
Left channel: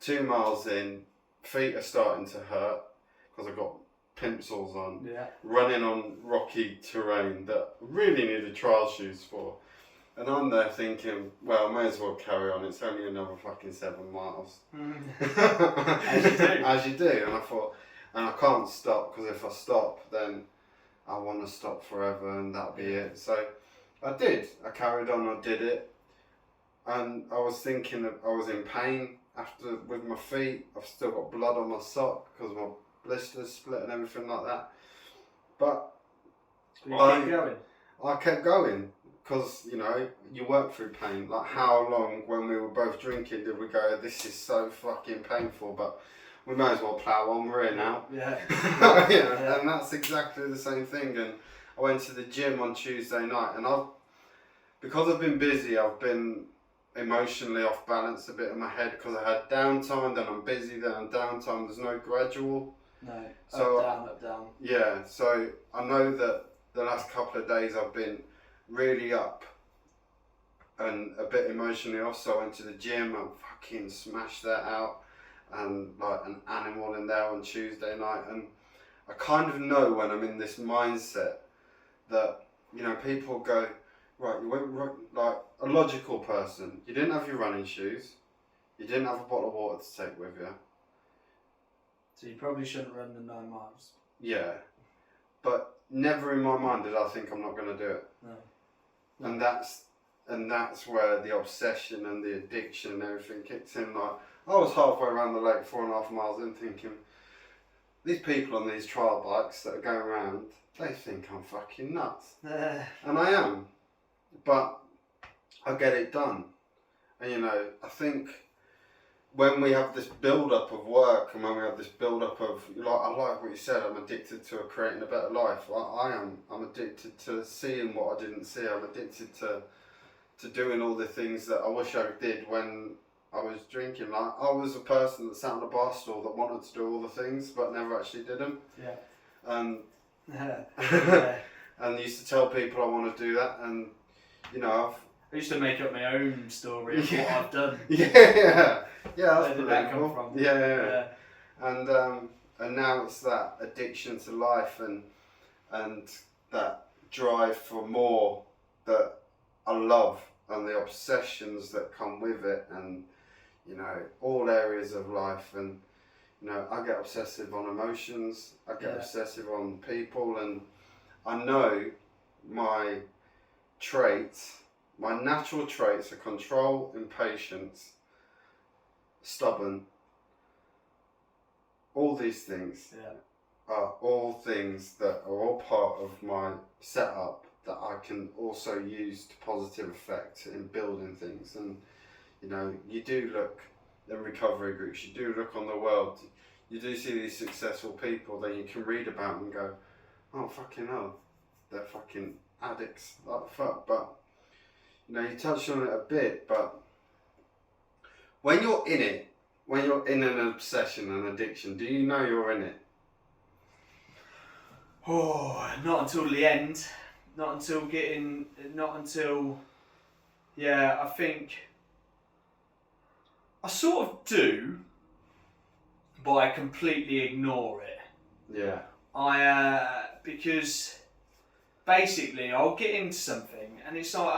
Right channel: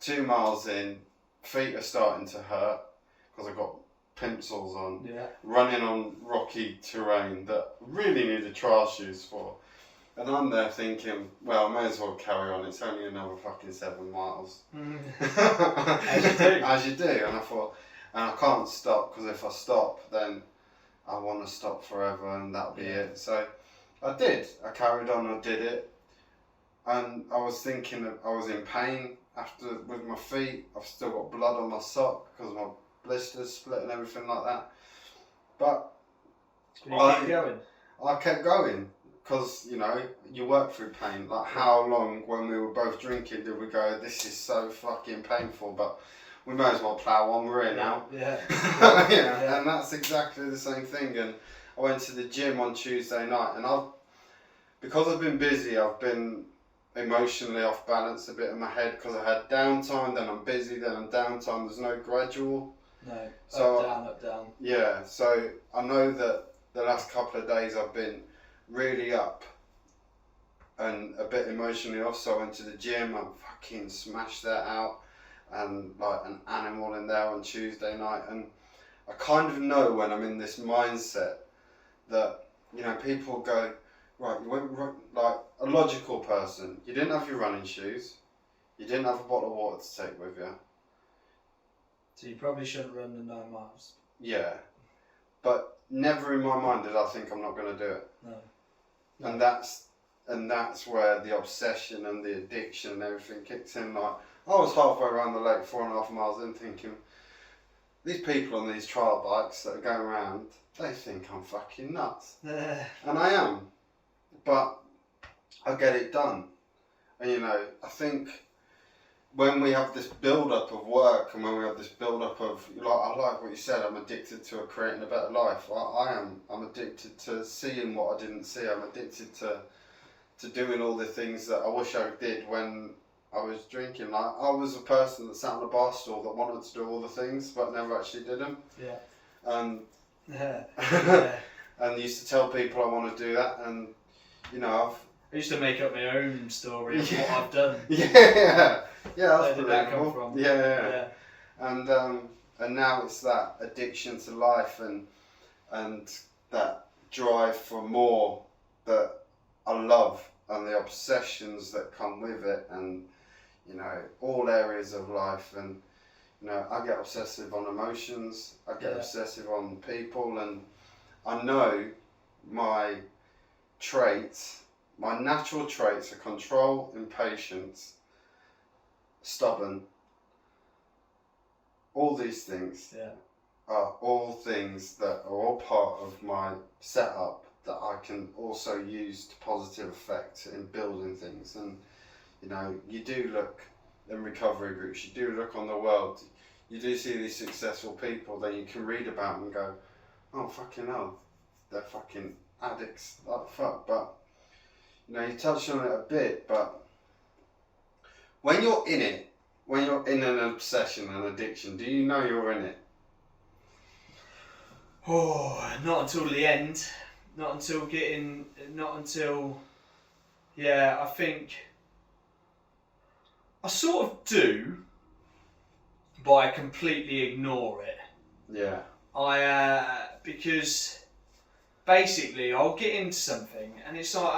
2 miles in, feet are starting to hurt because I've got Plimsolls on. Yeah. Running on rocky terrain that I really needed trial shoes for. And I'm there thinking, well, I may as well carry on. It's only another fucking 7 miles. As you do. As you do. And I thought, and I can't stop, because if I stop, then I want to stop forever, and that'll be it. So I did. I carried on. I did it. And I was thinking, I was in pain with my feet. I've still got blood on my sock because my blisters split and everything like that. But I kept going. Because, you know, you work through pain. Like, how long, when we were both drinking, did we go, this is so fucking painful, but we may as well plough on, we're in now. Yeah. Yeah. And that's exactly the same thing. And I went to the gym on Tuesday night, and because I've been busy, I've been emotionally off balance a bit in my head, because I had downtime, then I'm busy, then I'm downtime. There's no gradual. No, so, up, down. Yeah, so I know that the last couple of days I've been really up and a bit emotionally off, so I went to the gym and fucking smashed that out, and like an animal in there on Tuesday night. And I kind of know when I'm in this mindset that, you know, people go, right, you went, like a logical person, you didn't have your running shoes, you didn't have a bottle of water to take with you, so you probably shouldn't run the 9 miles. Yeah, but never in my mind did I think I'm not going to do it. No. And that's where the obsession and the addiction and everything kicks in. Like, I was halfway around the lake, 4.5 miles in, thinking, these people on these trial bikes that are going around, they think I'm fucking nuts. And I am. But I get it done. And you know, I think when we have this build up of work and when we have this build up of, like, I like what you said, I'm addicted to creating a better life. I am. I'm addicted to seeing what I didn't see. I'm addicted to doing all the things that I wish I did when I was drinking. Like, I was a person that sat on a bar stool that wanted to do all the things but never actually did them. Yeah. Yeah. And used to tell people I want to do that, and I used to make up my own story of what I've done. Yeah, that's Where did that come believable. from? Yeah. And now it's that addiction to life and that drive for more that I love, and the obsessions that come with it, and all areas of life. And I get obsessive on emotions, I get obsessive on people, and I know my natural traits are control, impatience, stubborn. All these things are all things that are all part of my setup that I can also use to positive effect in building things. And you do look in recovery groups, you do look on the world, you do see these successful people, then you can read about them and go, oh fucking hell, they're fucking addicts like fuck. But you touched on it a bit, but when you're in it, when you're in an obsession, an addiction, do you know you're in it? Oh, not until the end. I think I sort of do, but I completely ignore it. Yeah. Because basically I'll get into something, and it's like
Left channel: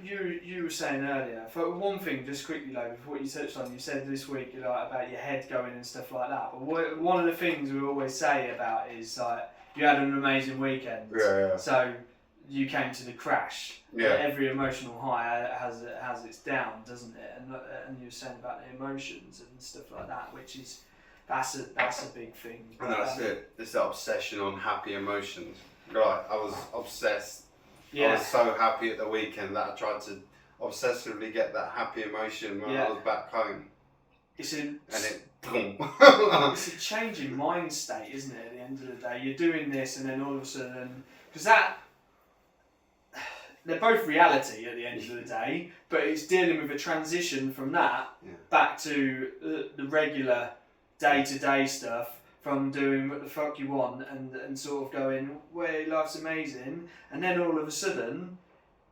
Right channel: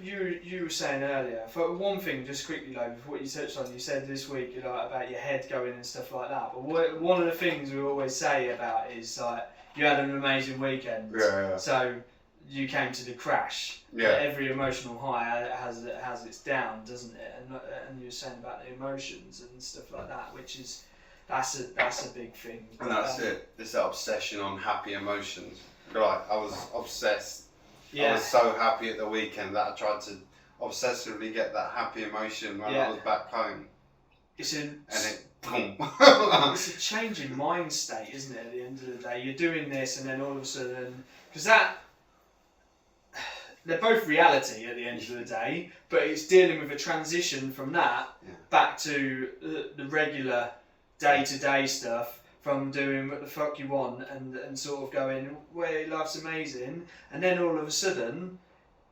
you were saying earlier. For one thing, just quickly, like what you touched on, you said this week, about your head going and stuff like that. But one of the things we always say about it is like, you had an amazing weekend. Yeah. So you came to the crash. Yeah. Every emotional high has its down, doesn't it? And you were saying about the emotions and stuff like that, which is that's a big thing. And that's it. It's that obsession on happy emotions. Right. I was obsessed. Yeah. I was so happy at the weekend that I tried to obsessively get that happy emotion when I was back home. It's boom. It's a change in mind state, isn't it? At the end of the day, you're doing this, and then all of a sudden, because they're both reality at the end of the day, but it's dealing with a transition from that back to the regular day-to-day stuff, from doing what the fuck you want and sort of going, well, life's amazing, and then all of a sudden,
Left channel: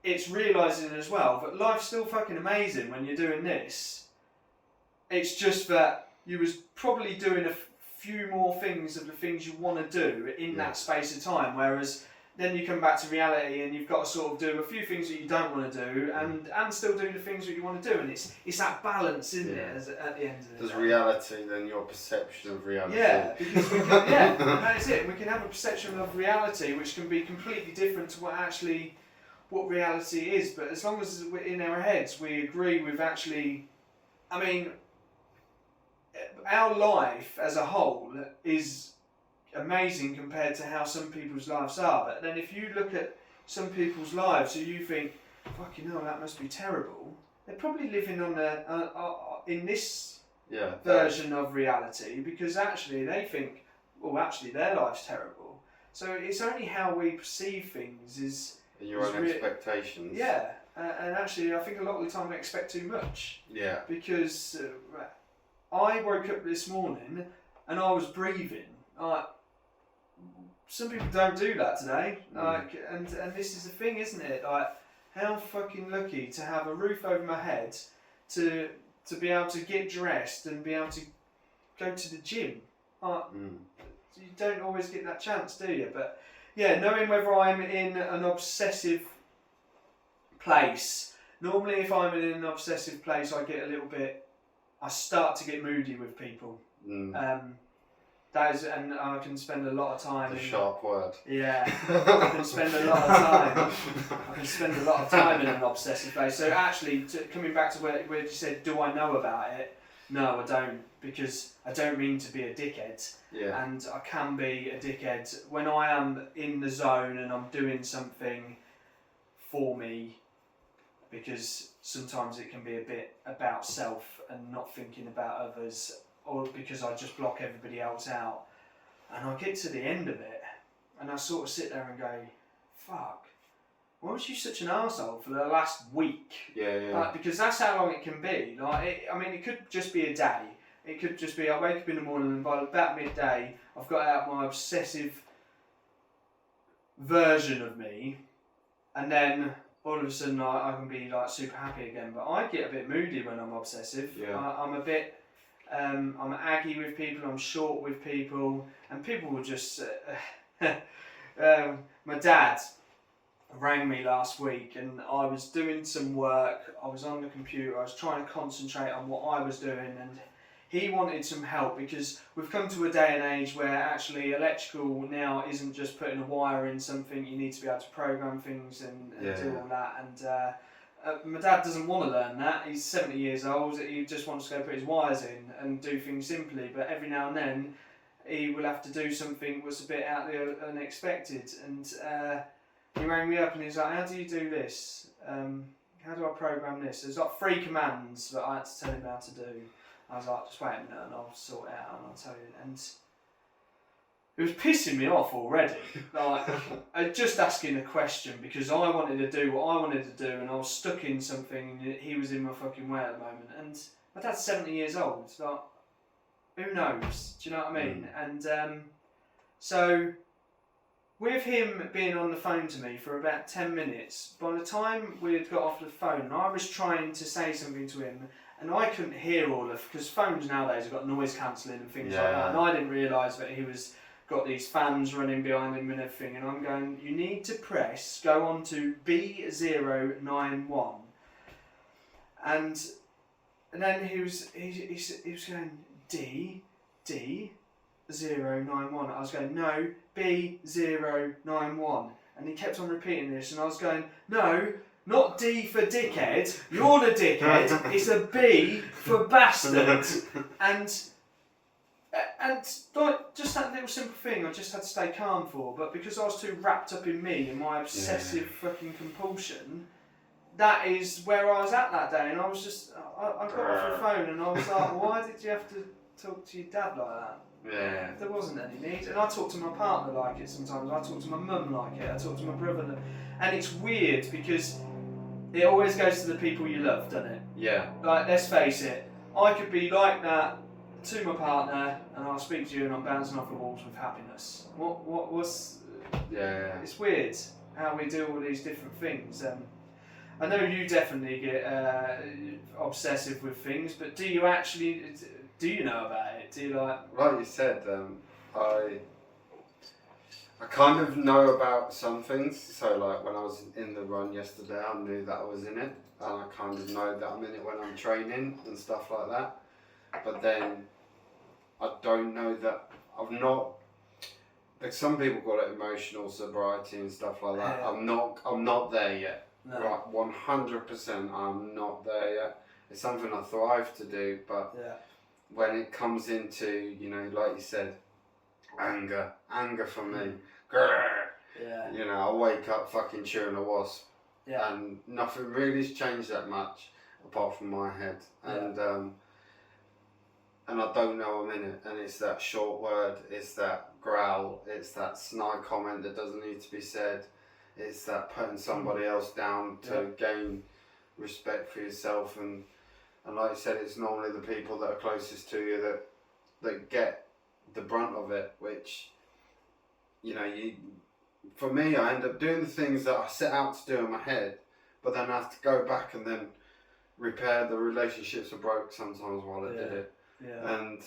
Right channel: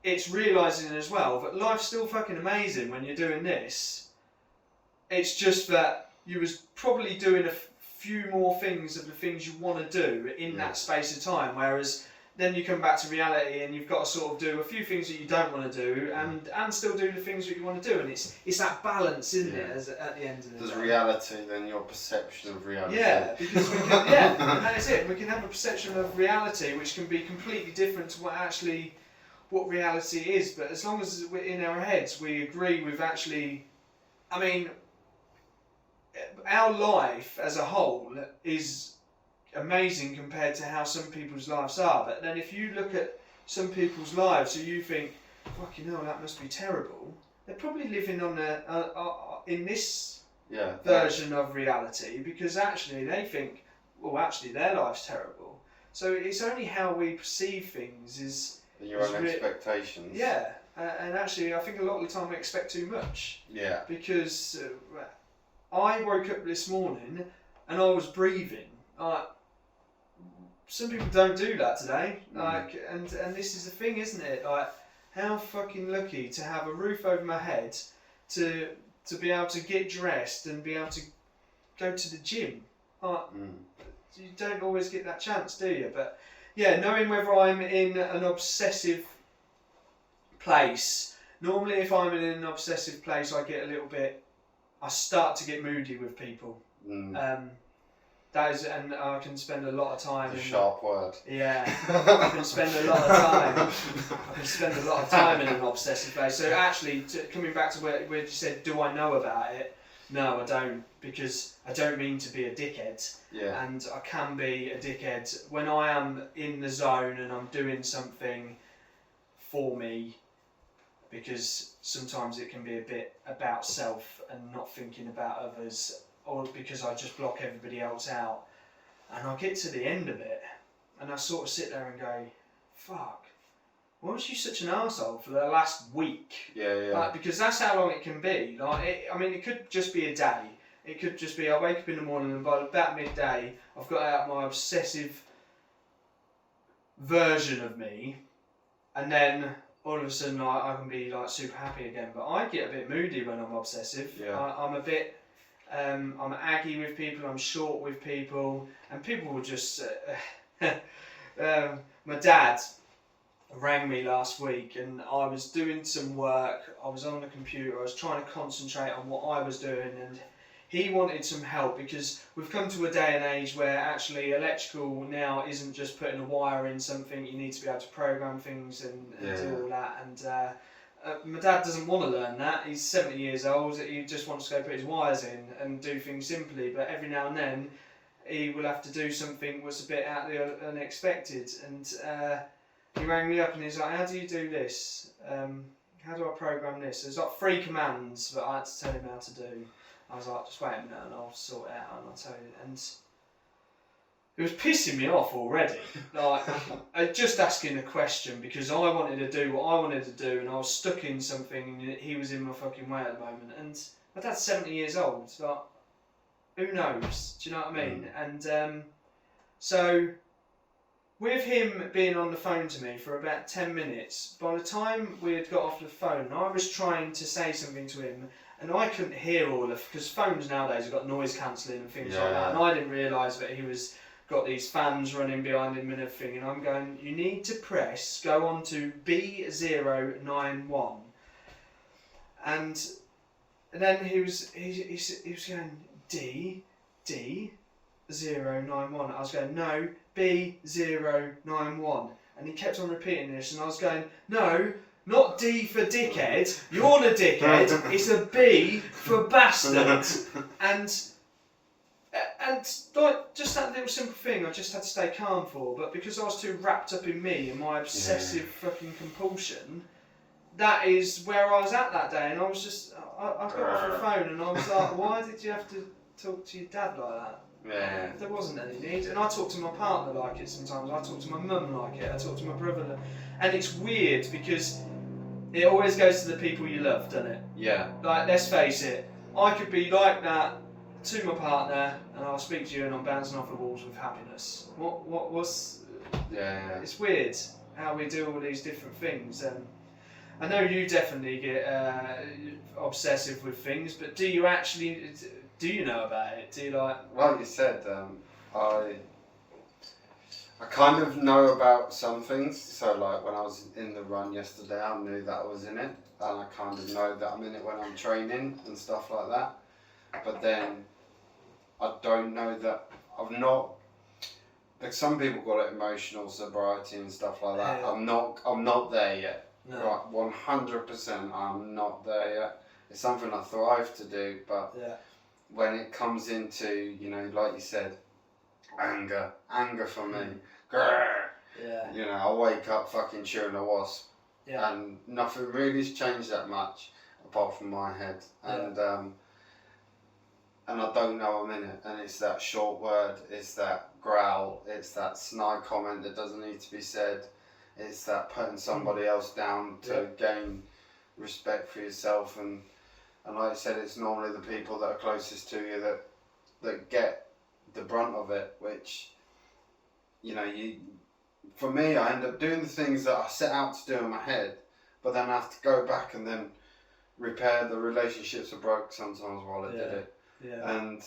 it's realising as well that life's still fucking amazing when you're doing this. It's just that you was probably doing a few more things of the things you want to do in that space of time, whereas then you come back to reality and you've got to sort of do a few things that you don't want to do and still do the things that you want to do, and it's that balance, isn't it, at the end of the day. There's reality, then your perception of reality. Yeah, because we can, and that is it. We can have a perception of reality which can be completely different to what reality is, but as long as we're in our heads we agree with our life as a whole is amazing compared to how some people's lives are. But then if you look at some people's lives, so you think, fucking hell, that must be terrible. They're probably living on in this version of reality, because actually they think, well, actually their life's terrible. So it's only how we perceive things is your own expectations. Yeah, and actually I think a lot of the time we expect too much. Yeah. Because I woke up this morning and I was breathing. Some people don't do that today. And this is the thing, isn't it? Like, how fucking lucky to have a roof over my head, to be able to get dressed and be able to go to the gym. You don't always get that chance, do you? But yeah, knowing whether I'm in an obsessive place. Normally, if I'm in an obsessive place, I start to get moody with people. And I can spend a lot of time. Sharp word. Yeah, I can spend a lot of time in an obsessive place. So actually, coming back to where you said, do I know about it? No, I don't, because I don't mean to be a dickhead. Yeah. And I can be a dickhead when I am in the zone and I'm doing something for me, because sometimes it can be a bit about self and not thinking about others, or because I just block everybody else out. And I get to the end of it and I sort of sit there and go, fuck, why was you such an arsehole for the last week? Yeah. Like, because that's how long it can be. It could just be a day. It could just be I wake up in the morning and by about midday I've got out my obsessive version of me, and then all of a sudden I can be like super happy again. But I get a bit moody when I'm obsessive. Yeah. I'm a bit, I'm aggy with people, I'm short with people, and people will just, my dad rang me last week and I was doing some work, I was on the computer, I was trying to concentrate on what I was doing, and he wanted some help because we've come to a day and age where actually electrical now isn't just putting a wire in something, you need to be able to program things and do all that. And my dad doesn't want to learn that, he's 70 years old, he just wants to go put his wires in and do things simply, but every now and then he will have to do something that's a bit out there unexpected. And he rang me up and he's like, how do you do this? How do I program this? There's like 3 commands that I had to tell him how to do. I was like, just wait a minute and I'll sort it out and I'll tell you. And it was pissing me off already. Like, just asking the question because I wanted to do what I wanted to do and I was stuck in something and he was in my fucking way at the moment. And my dad's 70 years old. Like, who knows? Do you know what I mean? And so with him being on the phone to me for about 10 minutes, by the time we had got off the phone, I was trying to say something to him and I couldn't hear all of, because phones nowadays have got noise cancelling and things like that, and I didn't realise that he was got these fans running behind him and everything, and I'm going, you need to go on to B091, and then he was going D091. I was going, no, B091, and he kept on repeating this, and I was going, no, not D for dickhead, you're the dickhead, it's a B for bastard. And like, just that little simple thing I just had to stay calm for, but because I was too wrapped up in me and my obsessive fucking compulsion, that is where I was at that day. And I was just, I got off the phone and I was like, why did you have to talk to your dad like that? Yeah. There wasn't any need. And I talk to my partner like it sometimes, I talk to my mum like it, I talk to my brother, and it's weird because it always goes to the people you love, doesn't it? Yeah. Like, let's face it, I could be like that to my partner and I'll speak to you and I'm bouncing off the walls with happiness. What's... Yeah. It's weird how we do all these different things. I know you definitely get obsessive with things, but do you know about it? Do you like you said, I kind of know about some things. So like when I was in the run yesterday, I knew that I was in it, and I kind of know that I'm in it when I'm training and stuff like that. But then I don't know that I've not. Like some people call it emotional sobriety and stuff like that. Yeah. I'm not there yet. no? Right, 100%. I'm not there yet. It's something I thrive to do, but when it comes into, you know, like you said, anger for me. Yeah. You know, I wake up fucking chewing a wasp, and nothing really's changed that much apart from my head, and I don't know I'm in it, and it's that short word, it's that growl, it's that snide comment that doesn't need to be said, it's that putting somebody else down to gain respect for yourself, and like you said, it's normally the people that are closest to you that get the brunt of it, which, you know, for me, I end up doing the things that I set out to do in my head, but then I have to go back and then repair the relationships that broke sometimes while I did it. Yeah. And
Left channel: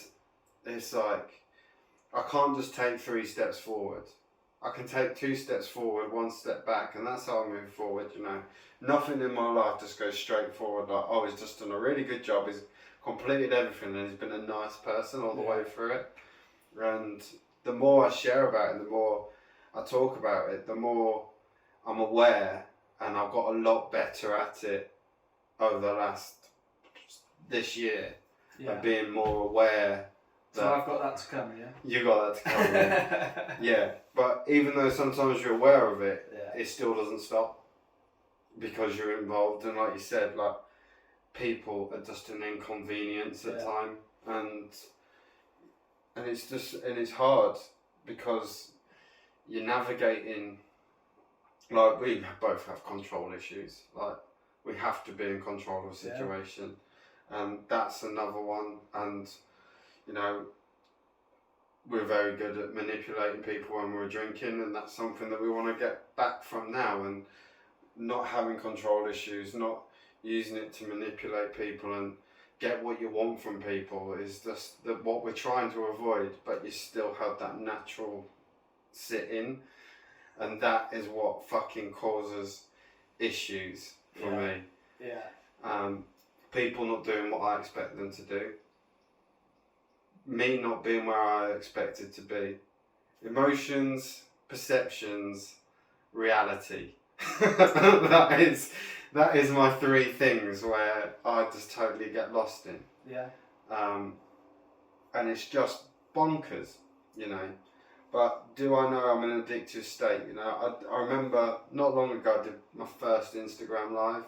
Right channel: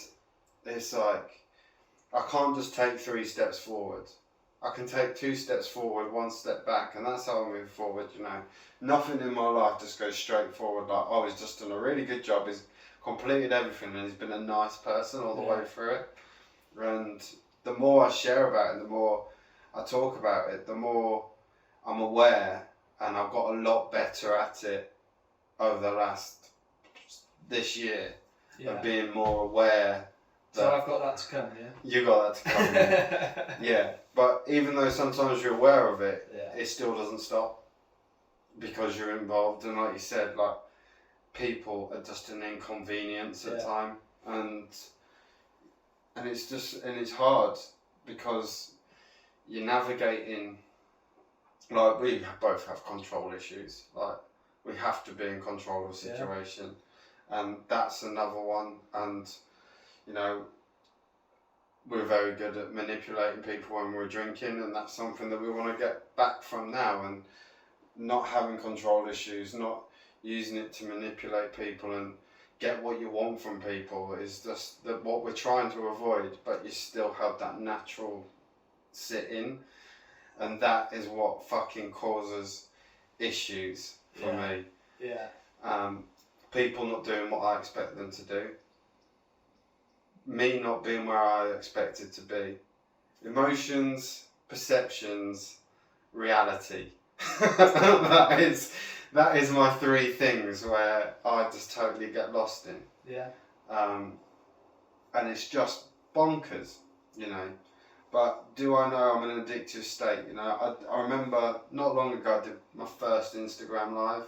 it's like, I can't just take 3 steps forward. I can take 2 steps forward, 1 step back, and that's how I move forward, you know. Nothing in my life just goes straight forward like, oh, he's just done a really good job, he's completed everything, and he's been a nice person all the way through it. And the more I share about it, the more I talk about it, the more I'm aware, and I've got a lot better at it over this year, of being more aware. So I've got that to come, You got that to come, yeah. But even though sometimes you're aware of it, it still doesn't stop. because you're involved, and like you said, like people are just an inconvenience at time, and it's hard because you're navigating. Like we both have control issues. Like we have to be in control of a situation, and that's another one. And you know, we're very good at manipulating people when we're drinking, and that's something that we want to get back from now. And not having control issues, not using it to manipulate people and get what you want from people is just what we're trying to avoid. But you still have that natural sit in. And that is what fucking causes issues for me. Yeah. People not doing what I expect them to do. Me not being where I expected to be. Emotions, perceptions, reality. that is my three things where I just totally get lost in. Yeah. And it's just bonkers, you know. But do I know I'm in an addictive state? You know, I remember not long ago I did my first Instagram live.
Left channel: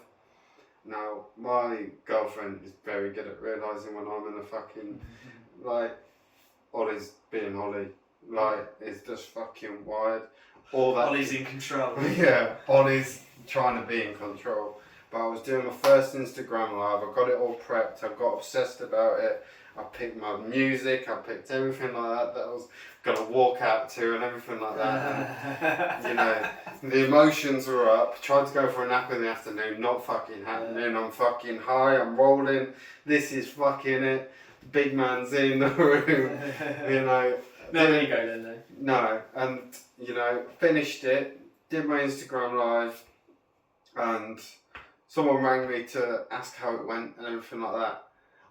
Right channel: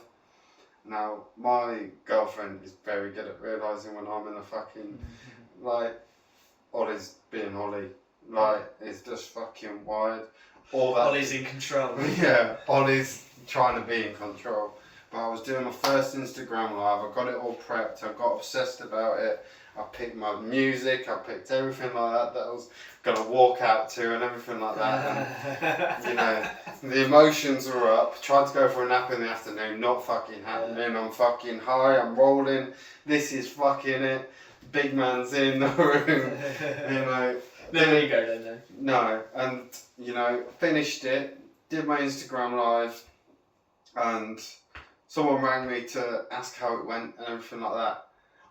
Now, my girlfriend is very good at realising when I'm in a fucking, like, Ollie's being Ollie. Like, it's just fucking wired. All that. Ollie's in control. Yeah, Ollie's trying to be in control. But I was doing my first Instagram live. I got it all prepped. I got obsessed about it. I picked my music. I picked everything like that I was going to walk out to and everything like that. And, you know, the emotions were up. Tried to go for a nap in the afternoon. Not fucking happening. I'm fucking high. I'm rolling. This is fucking it. Big man's in the room. You know. No ego then, though. No. And, you know, finished it. Did my Instagram live. And someone rang me to ask how it went and everything like that.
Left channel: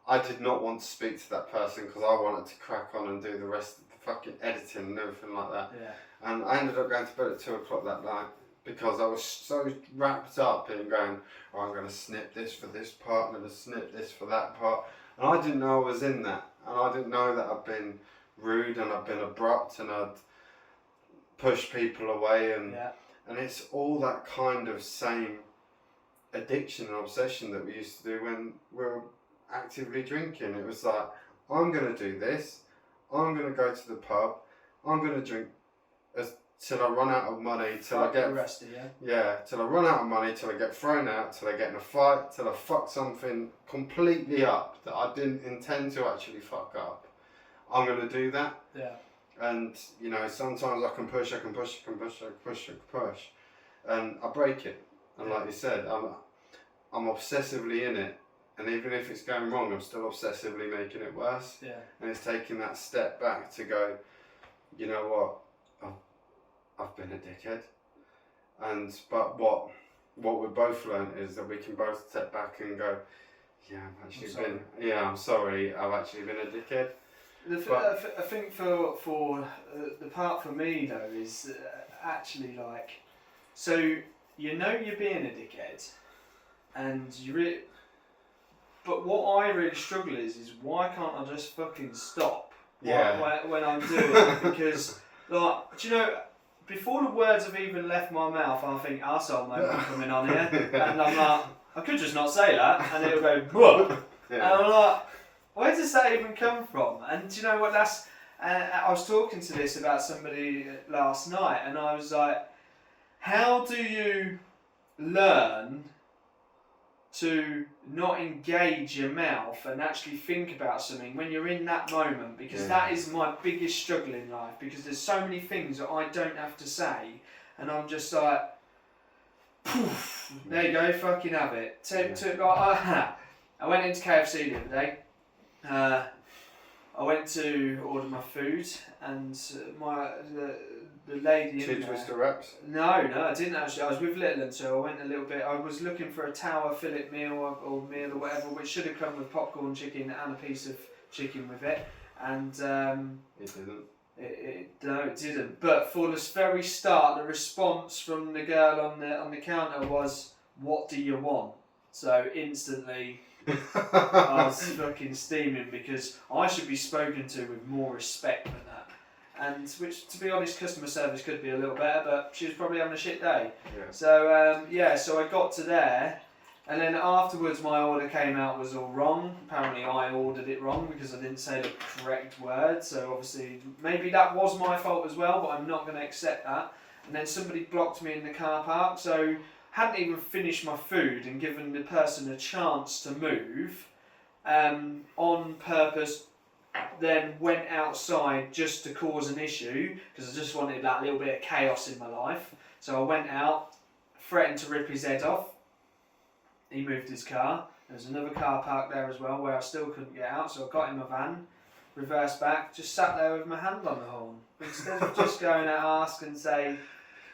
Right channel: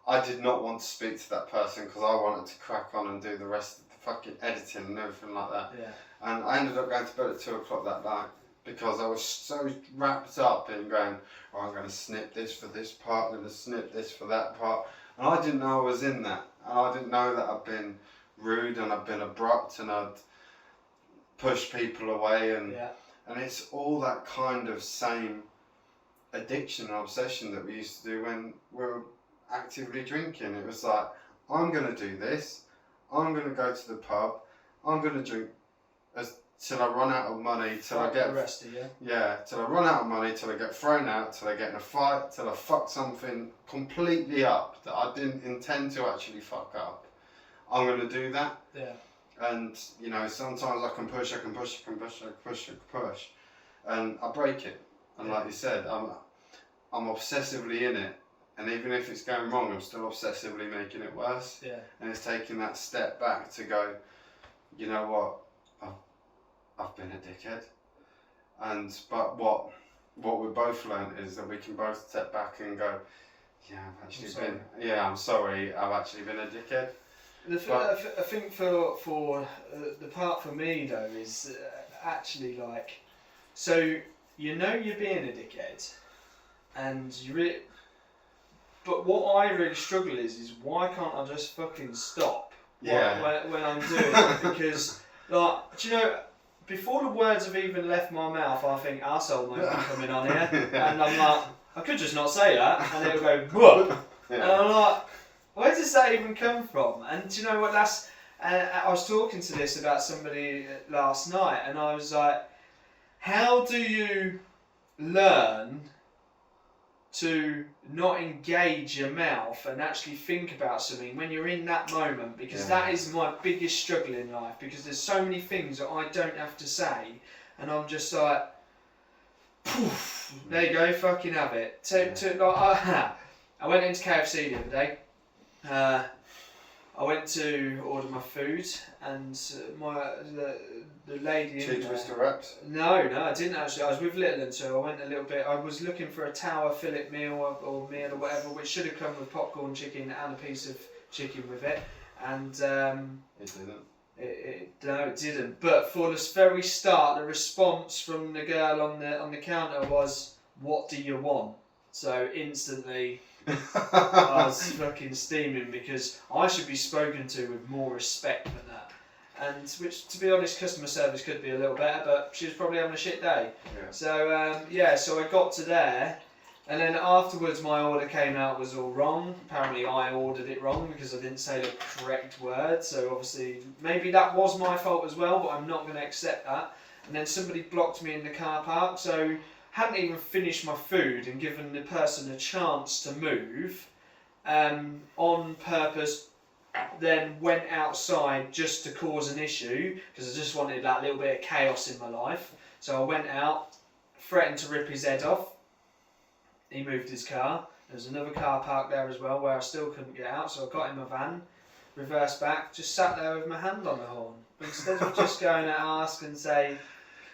I did not want to speak to that person because I wanted to crack on and do the rest of the fucking editing and everything like that. Yeah. And I ended up going to bed at 2 o'clock that night because I was so wrapped up in going, oh, I'm going to snip this for this part, I'm going to snip this for that part. And I didn't know I was in that. And I didn't know that I'd been rude and I'd been abrupt and I'd pushed people away. And it's all that kind of same addiction and obsession that we used to do when we were actively drinking. It was like, I'm going to do this, I'm going to go to the pub, I'm going to drink till I run out of money, till I get arrested, till I run out of money, till I get thrown out, till I get in a fight, till I fuck something completely up that I didn't intend to actually fuck up. I'm going to do that. Yeah. And, you know, sometimes I can push, and I break it. And like you said, I'm obsessively in it. And even if it's going wrong, I'm still obsessively making it worse. Yeah. And it's taking that step back to go, you know what, I've been a dickhead. But what we both learned is that we can both step back and go, I'm sorry, I've actually been a dickhead. I think for the part for me though is actually like, so you know you're being a dickhead, and but what I really struggle is why can't I just fucking stop when I'm doing it? Because, like, do you know, before the words have even left my mouth, I think, arsehole might be coming on here. And I'm like, I could just not say that. And it'll go, whoop. And I'm like, where does that even come from? And do you know what, I was talking to this about somebody last night, and I was like, how do you learn to not engage your mouth and actually think about something when you're in that moment? Because that is my biggest struggle in life, because there's so many things that I don't have to say, and I'm just like, poof, there you go, fucking have it. I went into KFC the other day. I went to order my food, and the lady. Two Twister wraps? No, I didn't actually. I was with Littleton, so I went a little bit. I was looking for a tower fillet meal or meal or whatever, which should have come with popcorn chicken and a piece of chicken with it. And it didn't. No, it didn't. But for the very start, the response from the girl on the counter was, "What do you want?" So instantly, I was fucking steaming, because I should be spoken to with more respect than that. and which, to be honest, customer service could be a little better, but she was probably having a shit day. Yeah. So so I got to there, and then afterwards my order came out was all wrong. Apparently I ordered it wrong because I didn't say the correct word. So obviously maybe that was my fault as well, but I'm not going to accept that. And then somebody blocked me in the car park, so hadn't even finished my food and given the person a chance to move on purpose. Then went outside just to cause an issue because I just wanted that little bit of chaos in my life. So I went out, threatened to rip his head off. He moved his car. There was another car parked there as well where I still couldn't get out, so I got in my van, reversed back, just sat there with my hand on the horn. Instead of just going to ask and say,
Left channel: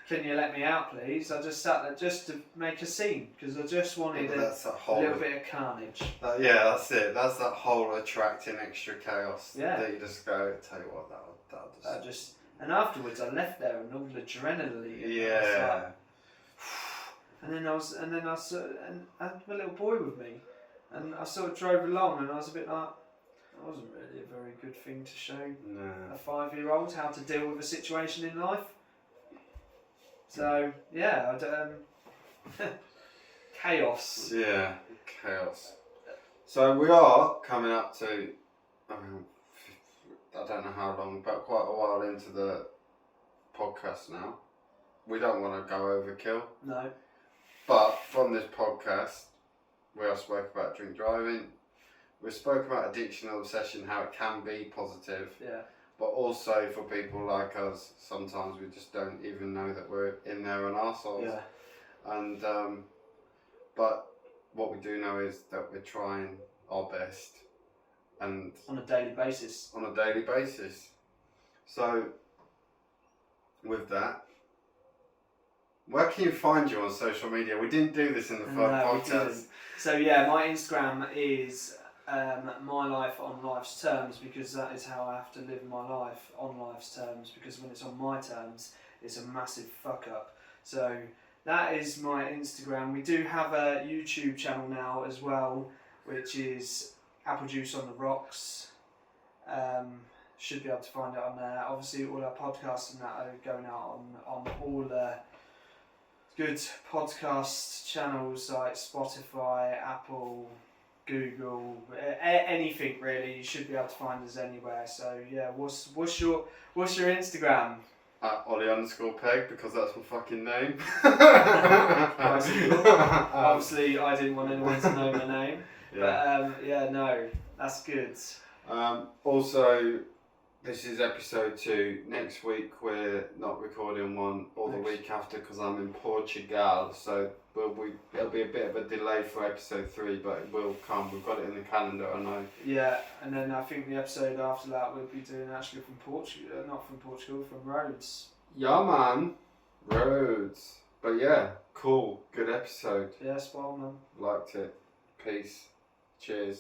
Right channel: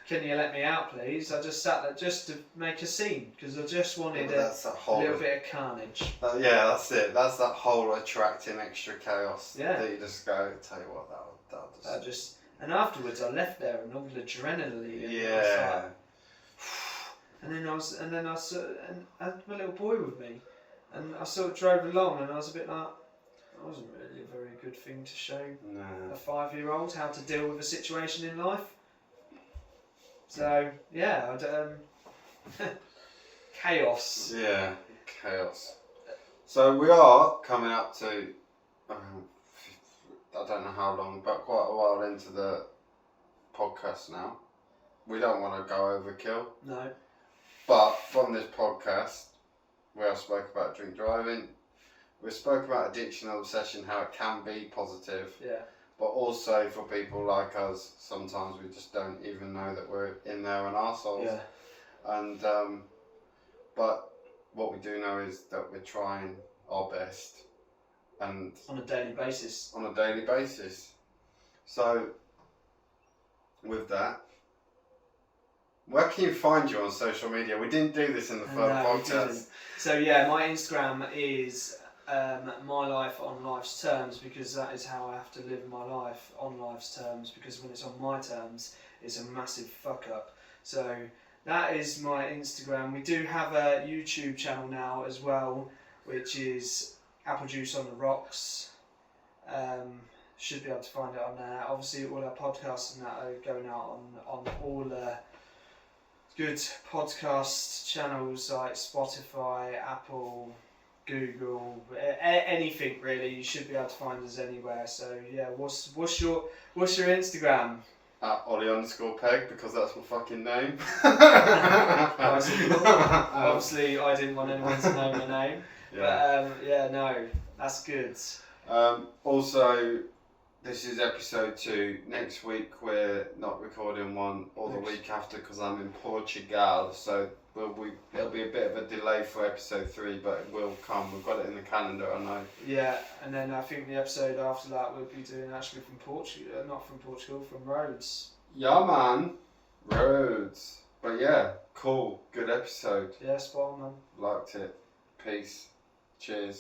"Can you let me out, please?" I just sat there just to make a scene because I just wanted a little bit of carnage. Yeah, that's it. That's that whole attracting extra chaos. Yeah. That you just go, tell you what, that'll just... And afterwards I left there and all the adrenaline. Yeah. And then I had my little boy with me, and I sort of drove along, and I was a bit like, that wasn't really a very good thing to show a 5-year-old how to deal with a situation in life. So yeah, chaos. Yeah, chaos. So we are coming up to, I don't know how long, but quite a while into the podcast now. We don't want to go overkill. No. But from this podcast, we have spoke about drink driving. We spoke about addiction and obsession, how it can be positive. Yeah. But also for people like us, sometimes we just don't even know that we're in there on ourselves. Yeah. And but what we do know is that we're trying our best, and on a daily basis. So with that, where can you find you on social media? We didn't do this in the first podcast. So yeah, my Instagram is my life on life's terms, because that is how I have to live my life, on life's terms, because when it's on my terms, it's a massive fuck up. So that is my Instagram. We do have a YouTube channel now as well, which is Apple Juice on the Rocks. Should be able to find it on there. Obviously all our podcasts and that are going out on all the good podcast channels like Spotify, Apple, Google, anything really. You should be able to find us anywhere. So yeah, what's your Instagram? Ollie_Peg, because that's my fucking name. Obviously, I didn't want anyone to know my name. Yeah. But yeah, no, that's good. Also, this is episode 2. Next week we're not recording one, or the week after, because I'm in Portugal. So it'll be a bit of a delay for episode 3, but it will come. We've got it in the calendar, I know. Yeah, and then I think the episode after that we'll be doing actually from Portugal, not from Portugal, from Rhodes. Yeah, man, Rhodes. But yeah, cool, good episode. Yeah, spot on, man. Liked it. Peace. Cheers.